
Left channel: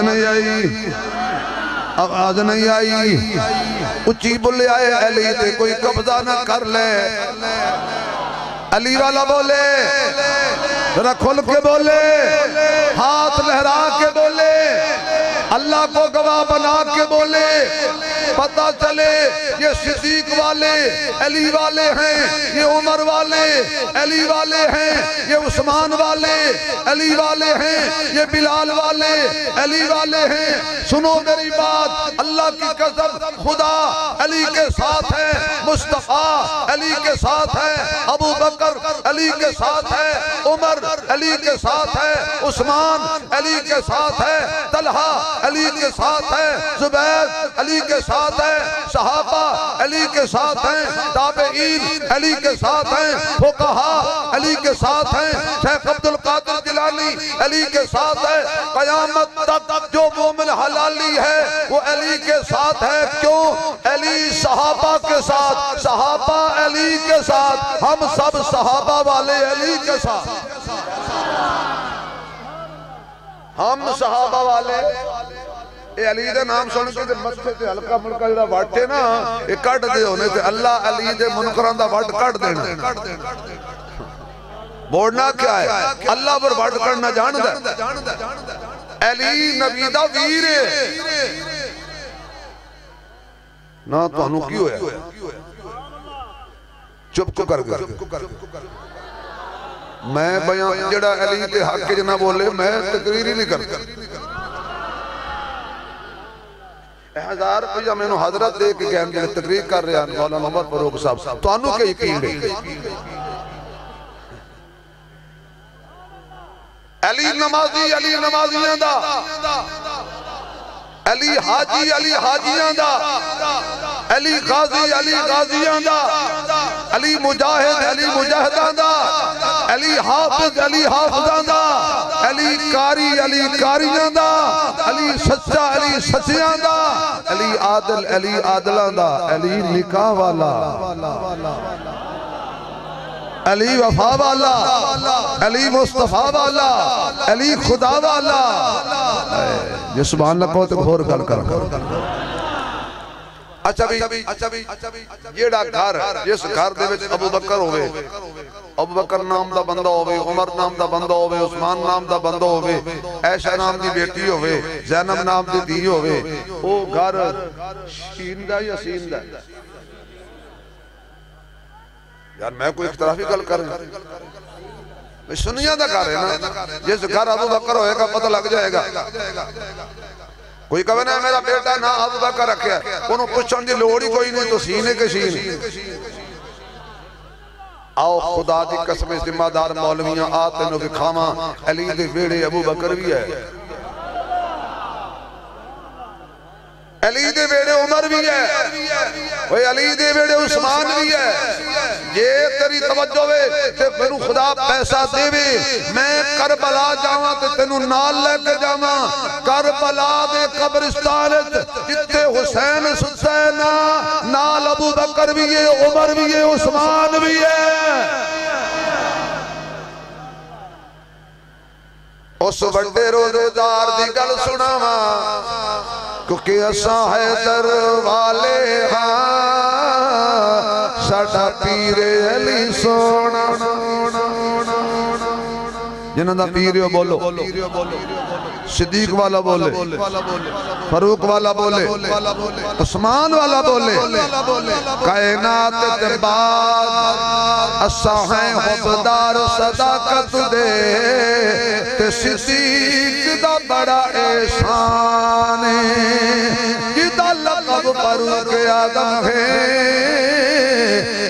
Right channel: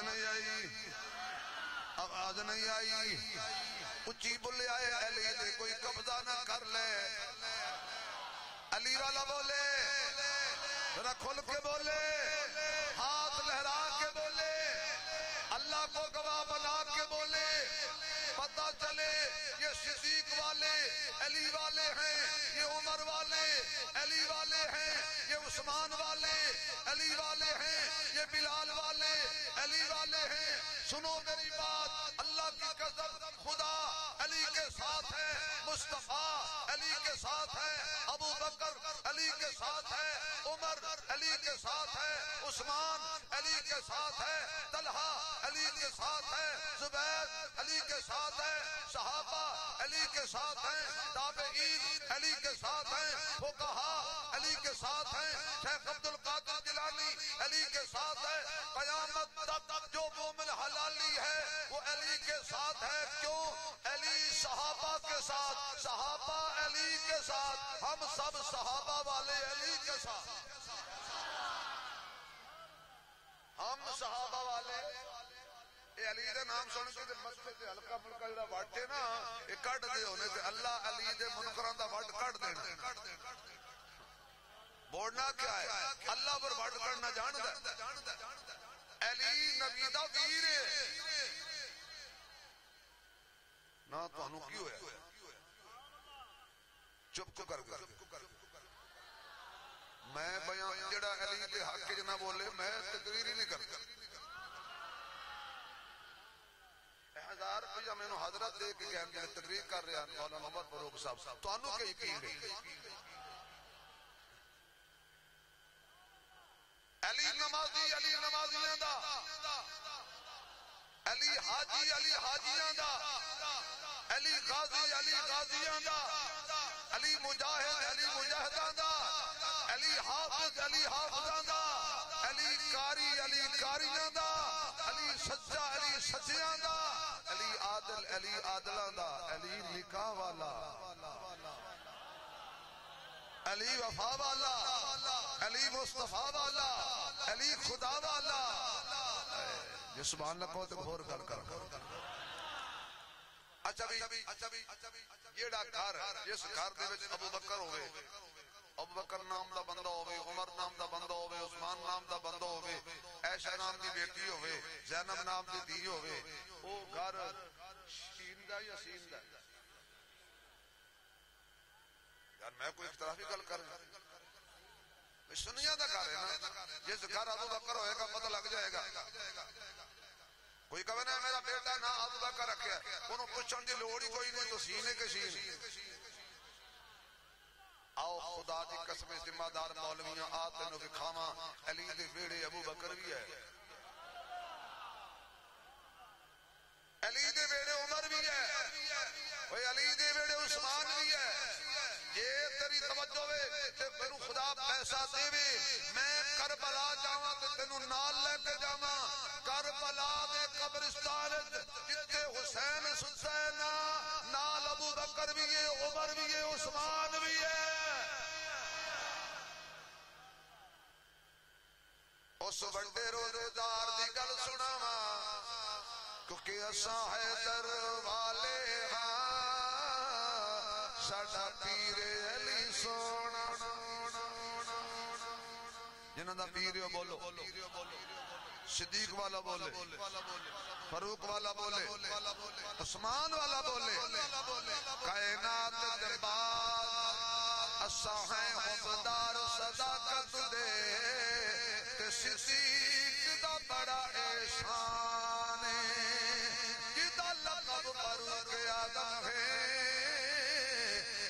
نہیں آئی اچھی بلے آئے علی تے کوئی قبضہ نہ کر لے علی والا بولے ذرا کھل کے بولے ہاتھ لہرا کے بولے اللہ کو گواہ بنا کے بولے پتہ چلے یہ صدیق والے علی والے ہیں یہ عمر والے علی والے ہیں یہ عثمان والے علی والے ہیں یہ بلال والے علی والے ہیں سنو میری بات اللہ کی قسم خدا علی کے ساتھ ہے مصطفیٰ علی کے ساتھ ہے ابو بکر علی کے ساتھ ہے عمر علی کے ساتھ ہے عثمان علی کے ساتھ ہے طلحہ علی کے ساتھ ہے زبیر علی کے ساتھ ہے صحابہ علی کے ساتھ ہیں تابعین علی کے ساتھ ہیں فقہا علی کے ساتھ ہیں شیخ عبدالقادر جیلانی علی کے ساتھ ہے قیامت تک جو مومن حلالی ہے وہ علی کے ساتھ ہے کیوں علی صحابہ کے ساتھ صحابہ علی کے ساتھ ہم سب صحابہ والے علی کے ساتھ ہم صحابہ والے اے علی دے نام سن کے مسجد تے ہلکا ملکا جڑا واٹے نا اے کٹ دے ہونے تے اللہ علی دے منکراں دا وٹ کٹ دینا بوڑنا کیا ہے اللہ پر وٹ کرنا جاندا علی نبی دا ویر ہے نا تانوں کی ہویا چپ کو کر گیا میں بیان جڑا علی تے حق کے جنہ بولے میں تقریر ہی نہیں کرتا ہزار روپیہ میں نے حضرت دے کے گئے ہیں تقریر کر رہے ہیں مولانا محمد فاروق صاحب تو انہوں کے یقین ہے علی نمازیاں دا علی حاجیاں دا علی غازیاں دا علی مجاہداں دا علی حافظاں دا علی کاریاں دا علی سچا سچیاں دا علی عادلاں دا علی نکاح والا علی وفا والا علی مصطفیٰ والا علی خدا والا یہ سبحان اللہ کو تے گھور گل کر اچھا بھی جیڑا گھر جس گھر دے وچ ابو بکر ہوئے ابو بکر نام دا بندہ ہوئے عمر نام دا بندہ ہوئے عثمان نام دا بندہ ہوئے عائشہ نام دی بیٹی ہوئے زینب نام دی دھی ہوئے وہ گھر شین دا یا سین دا یار میں کوئی اختلافی گل کر رہا میں سنیاں دا کر رہے نا جس گھر ابو بکر ہوئے گا پتہ لگ جائے گا کوئی کہے نا میرا بیٹا نہ ابو بکر رکھیا ہے، انہوں پوچھن دی لوڑی کوئی نہیں، تو سینے کے سینے۔ آؤ خدا دی قسم ذمہ دار مولویاں آتے نو بکھاواں، علی دے ویڑے ابو بکر بھی ہے، علی دے ویڑے عمر بھی ہے، علی دے ویڑے عثمان بھی ہے۔ یہ تیری توجہ ہے تے میرے خدا پیسہ دے وے، میں کربلا جاواں تے تینو نال لے کے جاواں، کربلا دے قبرستان جتے حسین ستا نال ابو بکر بھی ہے، عمر بھی ہے، عثمان بھی ہے۔ اس بڑے روزدار دی گل سناواں، کیونکہ اساں حیدر والے ہاں، ساڈا پیر علی سونا، جنہاں دا پیر بولو، صدیق والا بولے، فاروق والا بولے، عثمان والا بولے، کائنات تے بعد اساں ہیں حبدار صداقت دے، تے صدیق دا بڑا احسان ہے، جدا لقب فاروق آدم ہے،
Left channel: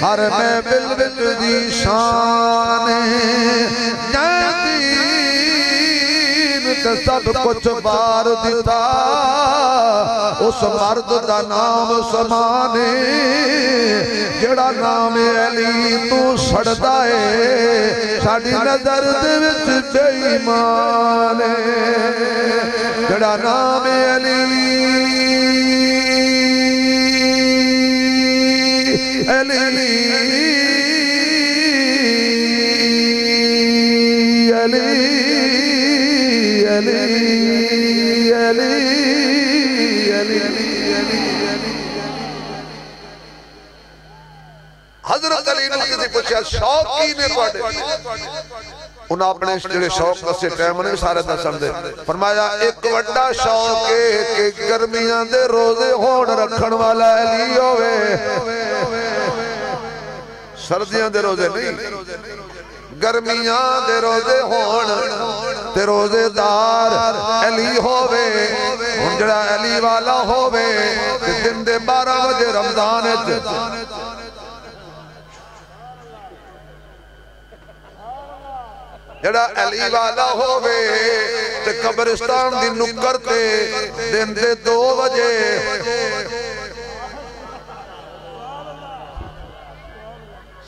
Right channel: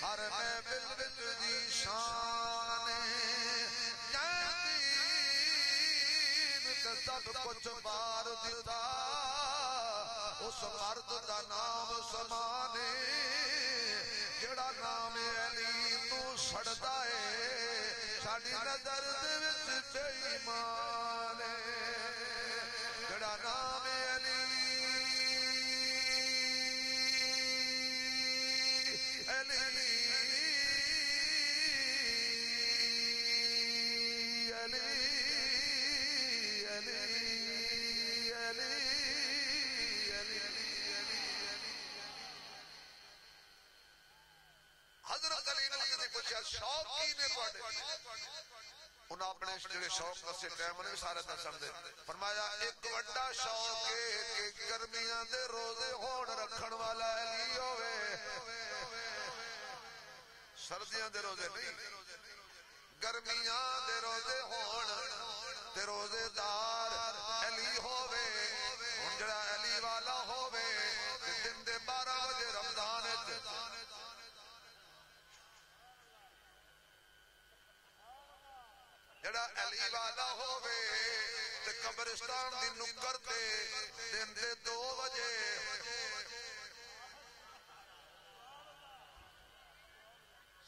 ہر میں بالبت دی شان ہے، تے سب کچھ بار دیتا، اس مرد دا نام سمانے، جڑا نام علی تو سڑدا ہے، ساڈی نظر دے وچ بے ایمان ہے، جڑا نام علی علی حضرت علی نے کسی پوچھا شوقی نے پڑھے، انہاں اپنے جڑے شوق دسے ٹائم نے سارے دسن دے، فرمایا ایک وڈا شوق ہے کہ گرمیاں دے روزے ہون رکھن والا علی ہوئے، سردیاں دے روزے نہیں، گرمیاں دے روزے ہون تے روزے دار علی ہوئے، ہن جڑا علی والا ہوئے تے دن دے 12 بجے رمضان ہے، جڑا علی والا ہوئے تے قبرستان دی نکر تے دن دے 2 بجے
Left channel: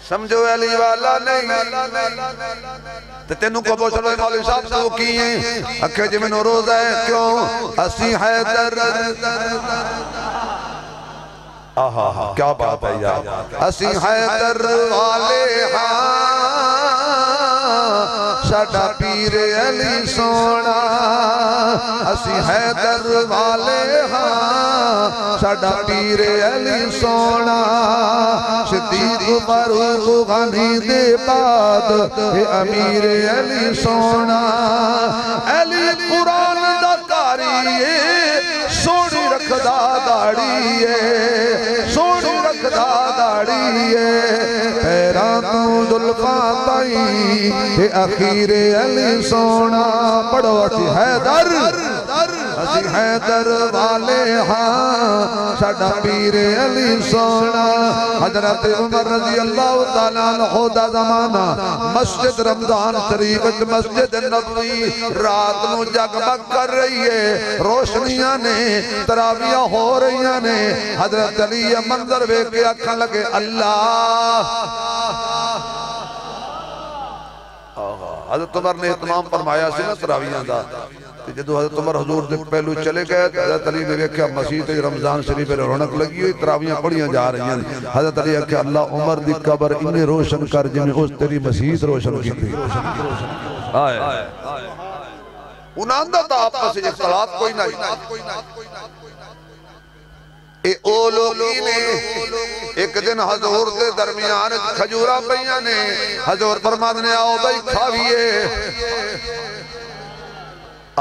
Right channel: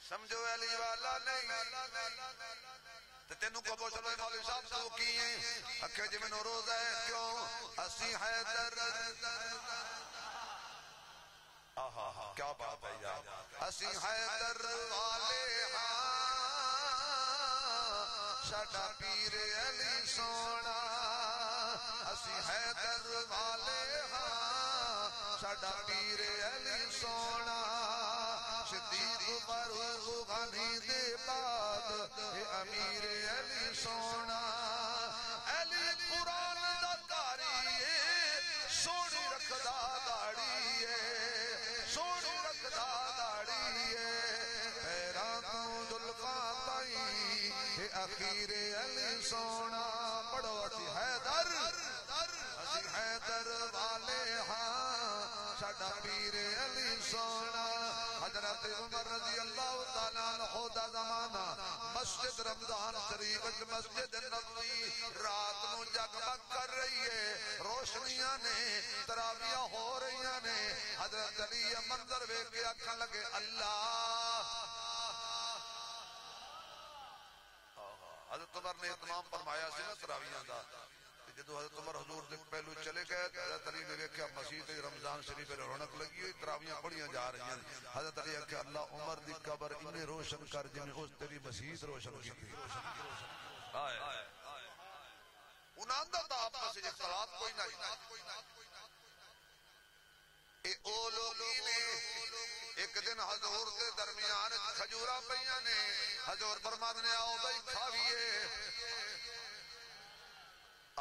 سمجھو علی والا نہیں تے تینوں کو پوچھ لو مولوی صاحب تو کی ہیں اکھے جی میں روزہ ہے کیوں اسی حیدر آہا کیا بات ہے یار اسی حیدر والے ہاں ساڈا پیر علی سونا اسی حیدر والے ہاں ساڈا پیر علی سونا صدیق فاروق غنی دے بعد امیر علی سونا علی قرآن دا کاری سونی رکھدا داڑی سونی رکھدا داڑی پیراں تو زلفاں تائیں اخیر علی سونا پڑھو اسی حیدر والے ہاں ساڈا پیر علی سونا حضرت عمر رضی اللہ تعالیٰ عنہ دا زمانہ مسجد رمضان شریف مسجد نبوی رات نو جگمگ کر رہی ہے روشنیاں نے تراویاں ہو رہی نے حضرت علی منظر بے کے اکھاں لگے اللہ حضرت عمر نے اہتمام فرمایا سی نا تراویاں دا جدو حضرت عمر حضور دے پہلو چلے گئے حضرت علی نے دیکھا مسجد رمضان شریف پر رونق لگی ہوئی تراویاں پڑھیاں جا رہی ہیں حضرت علی کہا اللہ عمر دی قبر انہیں روشن کر جنہیں اس تیری مسجد روشن کی تھی انہاں دا تا آپس سے اختلاف کوئی نہیں اے او لوگی نے ایک دن حضور دے درمیان کھجورہ پہیاں نے حضور فرماد نے آؤ بھائی کھاویے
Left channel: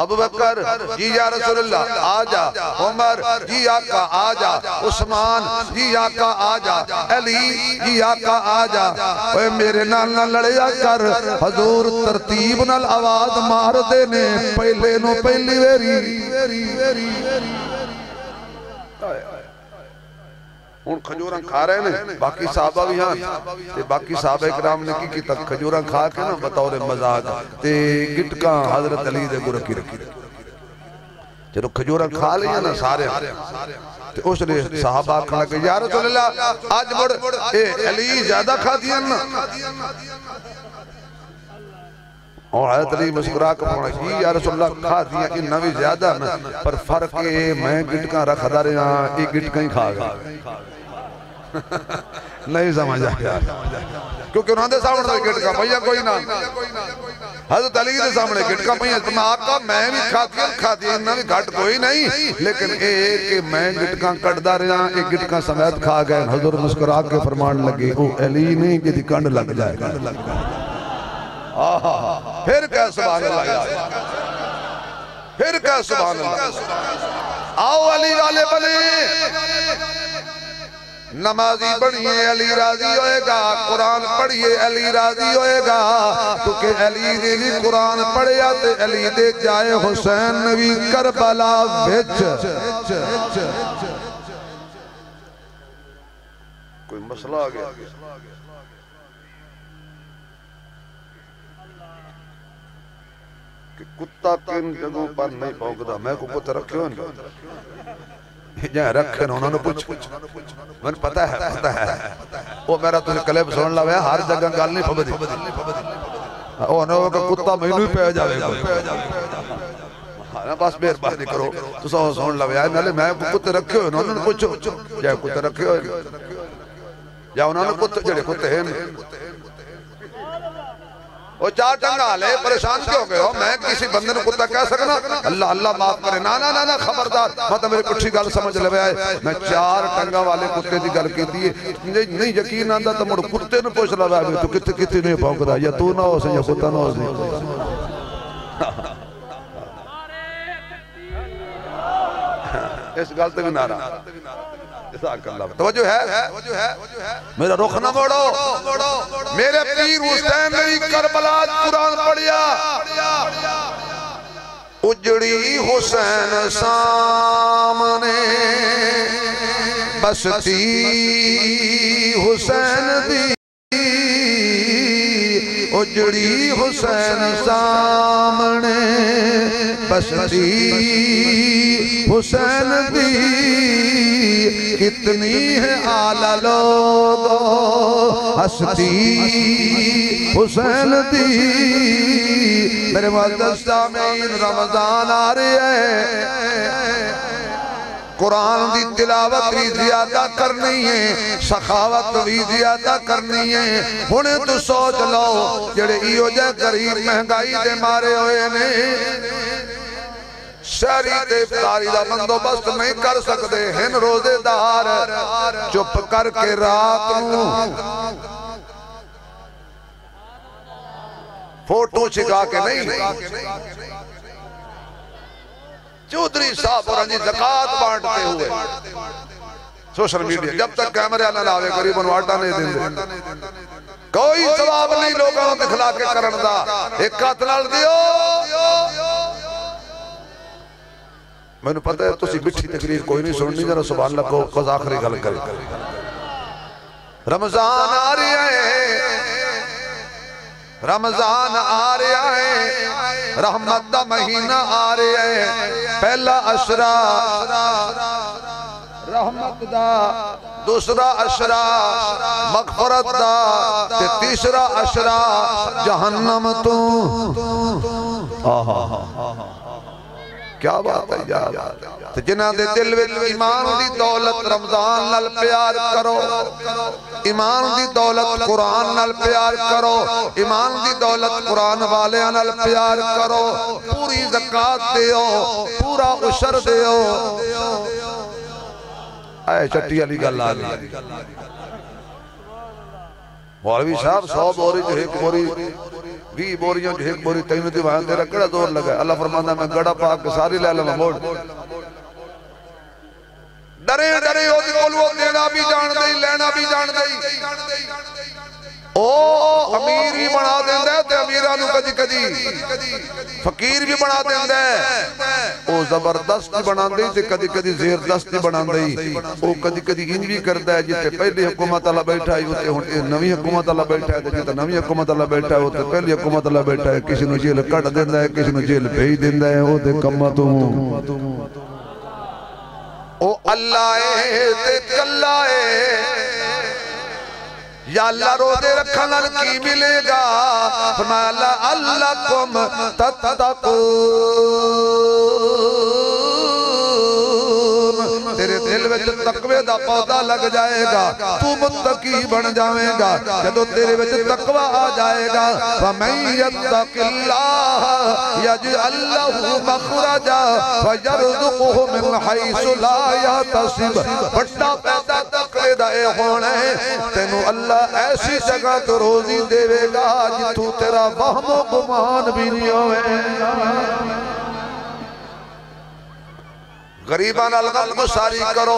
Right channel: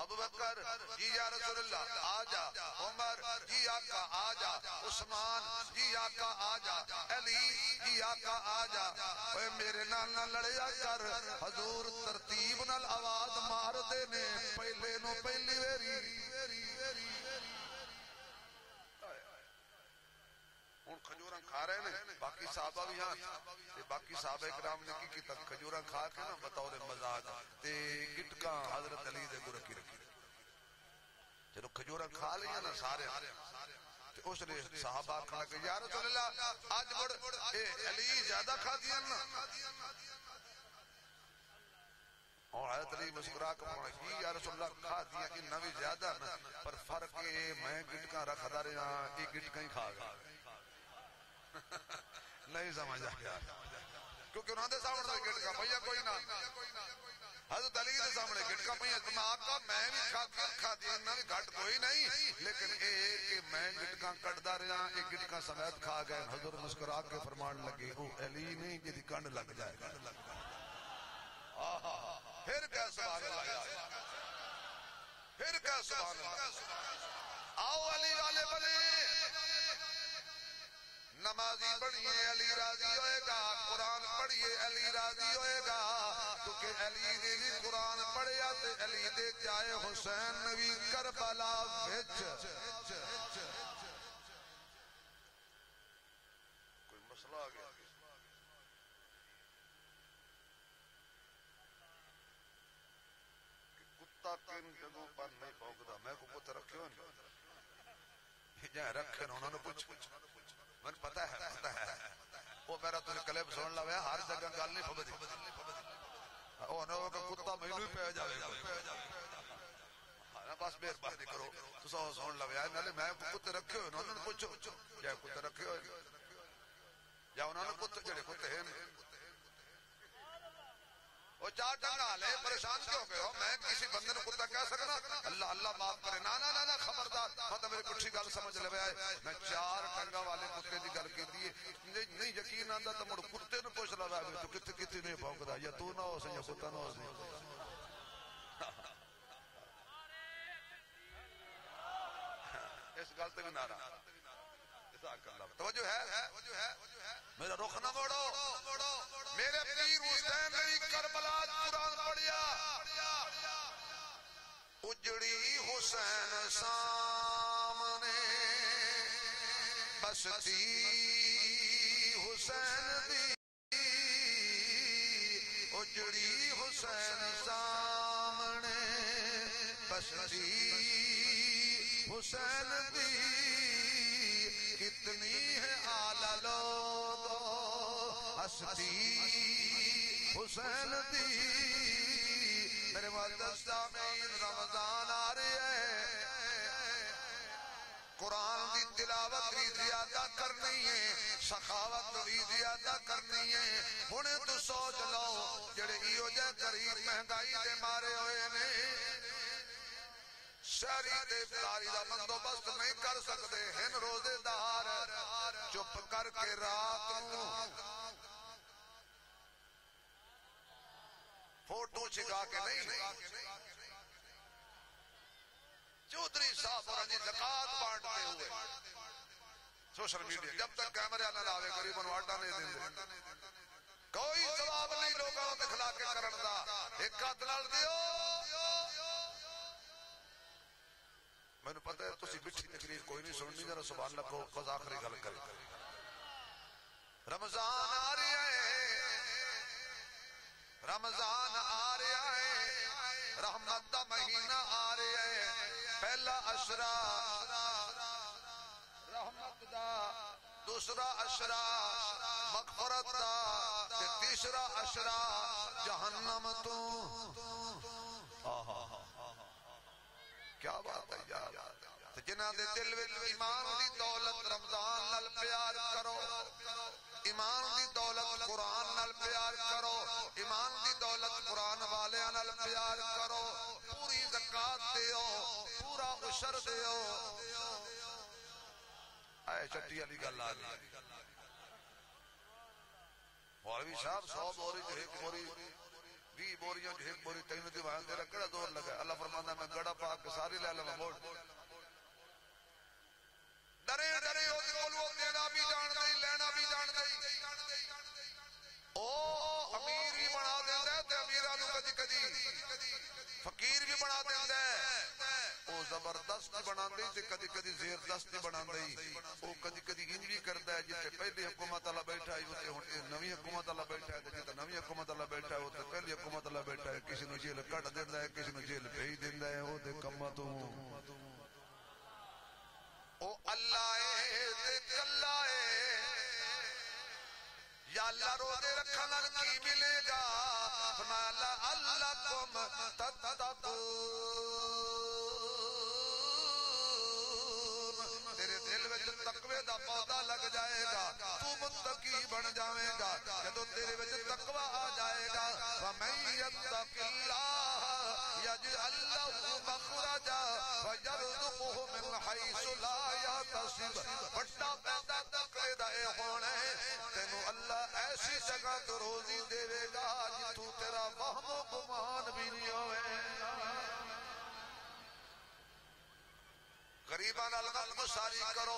ابو بکر جی یا رسول اللہ آجا عمر جی آقا آجا عثمان جی آقا آجا علی جی آقا آجا اے میرے نال نہ لڑیا کر حضور ترتیب نال آواز مار دینے پہلے نو پہلی ویری ہوں کھجوراں کھا رہے ہیں باقی صحابہ بھی ہاں تے باقی صحابہ اکرام نے کی تک کھجوراں کھا کے نا بطور مزاج تے گٹکاں حضرت علی دے کو رکھی جدو کھجوراں کھا لیا نا سارے تے اس نے صحابہ کھا کہ یا رسول اللہ آج بڑھ علی زیادہ کھا دیا نا اور حضرت علی مسکرا کے پڑھا جی یا رسول اللہ کھا دیا انہا بھی زیادہ نا پر فرق ہے میں گٹکاں رکھ دا رہے ہیں ایک گٹکاں ہی کھا گا نہیں سمجھا کیونکہ انہوں نے سامنے گٹکاں پہیا کوئی نہ حضرت علی دے سامنے گٹکاں پہیا تو میں آقا میں بھی کھا دیا انہا بھی گھٹ کوئی نہیں لیکن ایک کہ میں گٹکاں کٹ دا رہے ہیں ایک گٹکاں سمیت کھا گئے حضور مسکرا کے فرمان لگے او علی نہیں کہ دی کنڈ لگ جائے گا پھر کیا سبحان اللہ پھر کیا سبحان اللہ آؤ علی والے بنے نمازی بڑھئے علی راضی ہوئے گا قرآن پڑھئے علی راضی ہوئے گا کیونکہ علی دے بھی قرآن پڑھیا تے علی دے جائے حسین نبی کربلا بچ کوئی مسئلہ آ گیا کہ کتا کن جگہوں پر نہیں پہنکتا میں کو کتا رکھے ہو جہاں رکھے انہوں نے پوچھ میں پتہ ہے وہ میرا تجھے کلیب سن لگا ہے ہر جگہ گال نہیں پھبدی وہ انہوں نے کتا مہینوں ہی پہ جاوے گا بس بیر بات نہیں کرو تو سن لگا ہے میں کتے رکھے ہو انہوں نے پوچھو جہاں کتے رکھے ہو یا انہوں نے کتے جڑے کتے ہیں وہ چار ٹنگا لے پریشان کیوں گئے ہو میں کسی بندے نے کتا کہہ سکنا اللہ اللہ معاف کرے نا خبردار مطلب میرے کچھ گل سمجھ لے آئے میں چار ٹنگا والے کتے دی گل کی دیئے نہیں یقین آندہ تو مڑ کتے نے پوچھ لے آئے تو کتے نہیں پاؤں گا یا تو نہ ہو سے یا کتا نہ ہو سے اس گل تے بھی نہ رہا توجہ ہے میرا رخ نہ موڑو میرے پیر حسین نے کربلا قرآن پڑھیا اجڑی حسین سامنے بستی حسین دی اجڑی حسین سامنے بستی حسین دی کتنی ہے آلہ لوگو ہستی حسین دی میرے معزز سامعین رمضان آ رہی ہے قرآن دی تلاوت بھی زیادہ کرنی ہے سخاوت بھی زیادہ کرنی ہے ہونے تو سوچ لو جڑے ایو جے غریب مہنگائی دے مارے ہوئے نے شہری تے افطاری دا بندوبست نہیں کر سکتے ہن روزے دار چپ کر کے رات نو فوٹو چھکا کے نہیں چودھری صاحب اور انجی زکاة بانٹتے ہوئے سوشل میڈیا جب تک کیمرے نہ لاوے قریباً واٹا نہیں دیں دے کوئی ثواب نہیں لوگوں دکھلا کے کرن دا ایک قاتلال دیو میں نے پتہ ہے تو سی بچھی تقریر کوئی نہیں سننی ذرا سبحان اللہ کو قضا آخری گل کرے رمضان آ رہا ہے رمضان آ رہا ہے رحمت دا مہینہ آ رہا ہے پہلا عشرہ رحمت دا دوسرا عشرہ مغفرت دا تیسرا عشرہ جہنم تو کیا بات ہے یار جنہ دے دل وچ ایمان دی دولت رمضان نال پیار کرو ایمان دی دولت قرآن نال پیار کرو ایمان دی دولت قرآن والے نال پیار کرو پوری زکاة دیو پورا عشر دیو اے چٹی علی گل آ گئی مولوی صاحب 100 بوری جو ایک بوری 20 بوریاں جو ایک بوری تینوں دی وہاں تیرا کڑا دور لگا ہے اللہ فرمانا میں گڑا پاک ساری لے لما موڑ ڈرے ہو دی قلوہ دینا بھی جان دئی لینا بھی جان دئی او امیر بھی بنا دیں دے تے امیرانو کجی فقیر بھی بنا دیں دے او وہ زبردست بنا دے تے کدی کدی زیردست بنا دے وہ کدی کدی انج بھی کرتا ہے جتے پہلی حکومت اللہ بیٹھا ہے ہوتے نوی حکومت اللہ بیٹھا ہے جتے نوی حکومت اللہ بیٹھا ہے ہوتے پہلی حکومت اللہ بیٹھا ہے کسی نو جیل کٹ دیندہ ہے کسی نو جیل بھیج دیندہ ہے وہ دے کمتوں او اللہ تے کلہ یا اللہ رو دے رکھنا کی ملے گا فرمایا اللہ کم تتقون تیرے دل وچ تقوی دا پودا لگ جائے گا تو متقی بن جائے گا جدو تیرے وچ تقوی آ جائے گا فَمَن يَتَّقِ اللَّهَ يَجْعَل لَّهُ مَخْرَجًا وَيَرْزُقْهُ مِنْ حَيْثُ لَا يَحْتَسِبُ بڑا پیدا تقوی دائے ہونے تینو اللہ ایسی جگہ تو روزی دے گا جتو تیرا وہم و گمان بھی نہیں ہوئے غریبان الغم کو ساری کرو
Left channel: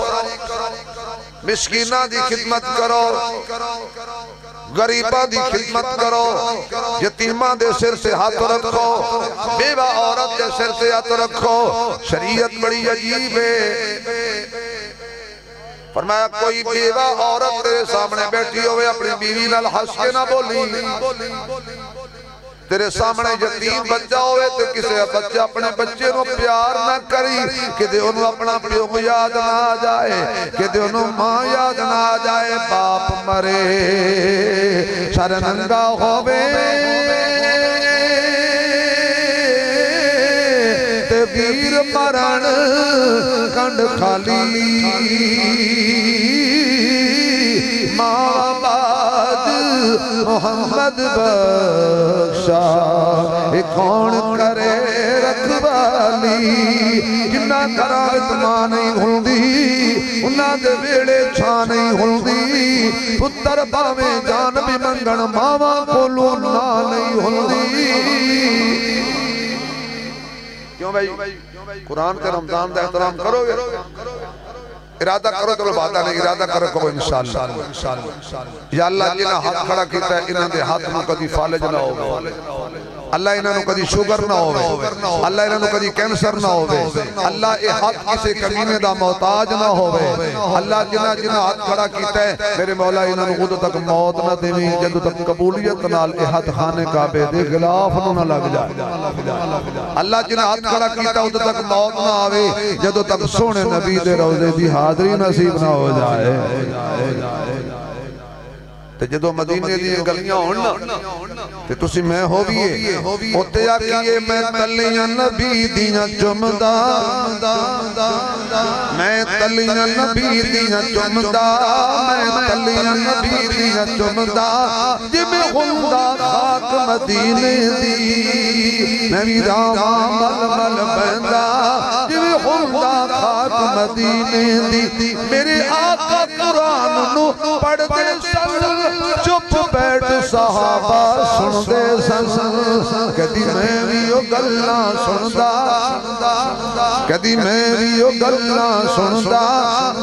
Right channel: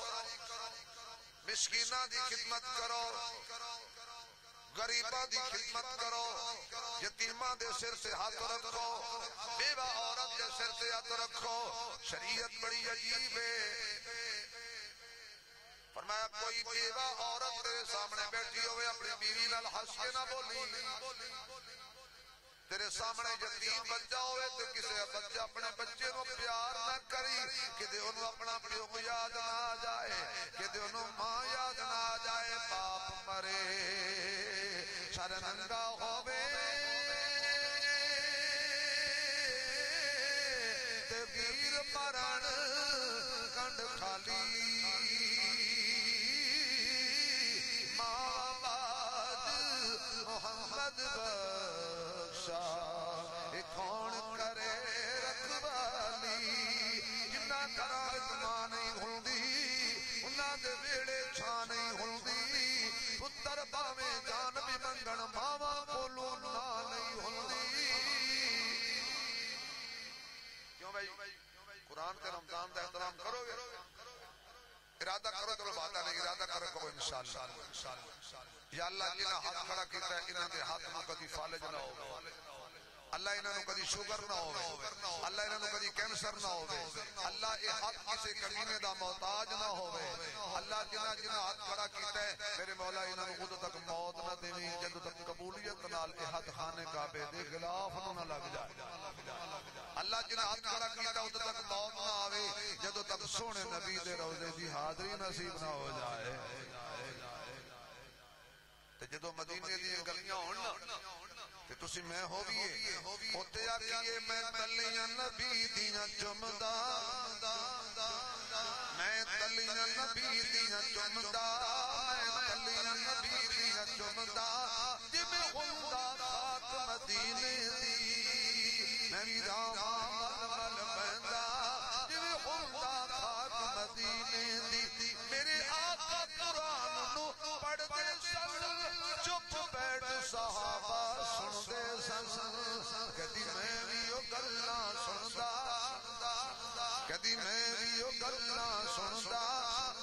مسکینہ دی خدمت کرو غریبہ دی خدمت کرو یتیمہ دے سر سے ہاتھ رکھو بیوہ عورت دے سر سے ہاتھ رکھو شریعت بڑی عجیب ہے فرمایا کوئی بیوہ عورت تیرے سامنے بیٹھی ہوئے اپنی بیوی نال ہنس کے نہ بولی تیرے سامنے یتیم بچہ ہوئے تو کسے بچہ اپنے بچے نو پیار نہ کری کہ دے انہوں اپنا پیو یاد نہ آ جائے کہ دے انہوں ماں یاد نہ آ جائے باپ مرے شرنگا ہوئے تے ویر مرن کنڈ خالی ماں بعد محمد بخشا کون کرے رکھوالی جنہ کرامت ماں نہیں ہلدی انہاں دے بیڑے چھا نہیں ہلدی پتر باویں جان بھی منگن ماما کولو نہ نہیں ہلدی کیوں بھائی قرآن کے رمضان دا احترام کرو گے ارادہ کرو تو بات نہیں ارادہ کرو کو انشاءاللہ یا اللہ جنہ ہاتھ کھڑا کیتا ہے انہاں دے ہاتھ میں کدی فالج نہ ہوگا اللہ انہاں نو کدی شوگر نہ ہوئے اللہ انہاں نو کدی کینسر نہ ہوئے اللہ اے ہاتھ کسے کمینے دا محتاج نہ ہوئے اللہ جنہ ہاتھ کھڑا کیتا ہے میرے مولا انہاں نو خود تک موت نہ دیویں جدو تک قبولیت نال اے ہاتھ خانے کعبے دے غلاف نہ لگ جائے اللہ جنہ ہاتھ کھڑا کیتا ہے ادو تک موت نہ آوے جدو تک سونے نبی دے روزے دی حاضری نصیب نہ ہو جائے تے جدو مدینے دی گلیاں ہونا تے تسی میں ہو بھی ہوتے آکیے میں تلیاں نبی دیاں چمدہ میں تلیاں نبی دیاں چمدہ میں تلیاں نبی دیاں چمدہ جب ہندہ خاک مدینے دی میں ویراں مل مل بندہ جب ہندہ خاک مدینے دی میرے آقا قرآن نو پڑھتے سن چپ بیٹھ صحابہ سن دے سن کدی میں بھی او گلنا سندا کدی میں بھی او گلنا سندا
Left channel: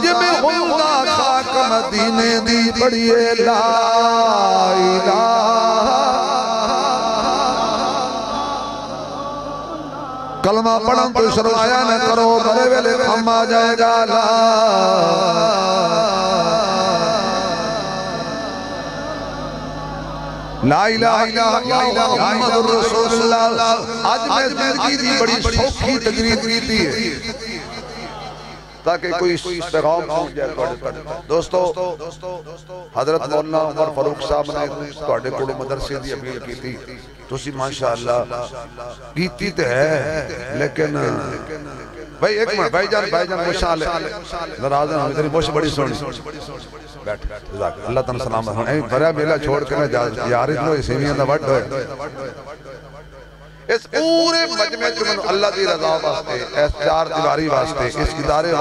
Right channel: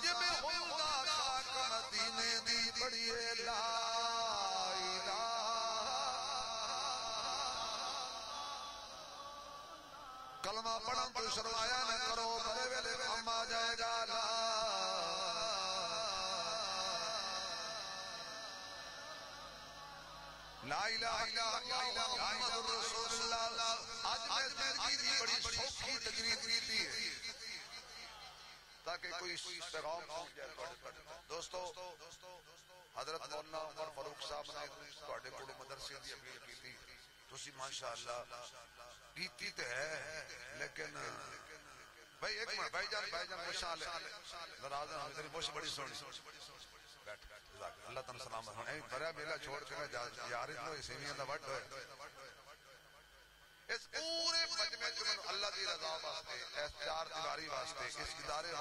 جے میں ہوندا خاک مدینے دی بڑیے لا الہ کلمہ پڑھن تو شرمایا نہ کرو بڑے ویلے کم آ جائے گا لا لا الہ الا اللہ محمد رسول اللہ آج میں زندگی دی بڑی شوقی تقریر کیتی ہے تاکہ کوئی اس پیغام پہنچ جائے دوستو حضرت مولانا عمر فاروق صاحب نے توڑے کوڑے مدرسے دی اپیل کی تھی تسی ماشاءاللہ کیتی تے ہے لیکن بھائی ایک منٹ بھائی جان مشاءاللہ نراز ہیں تیری موش بڑی سونی بیٹھ اللہ تعالیٰ سلامت ہوں بھریا بیلا چھوڑ کے نہ یاری تو اسی میں اندہ وڈ ہوئے اس پورے مجمع جو اللہ دی رضا واسطے اس چار دیواری واسطے اس ادارے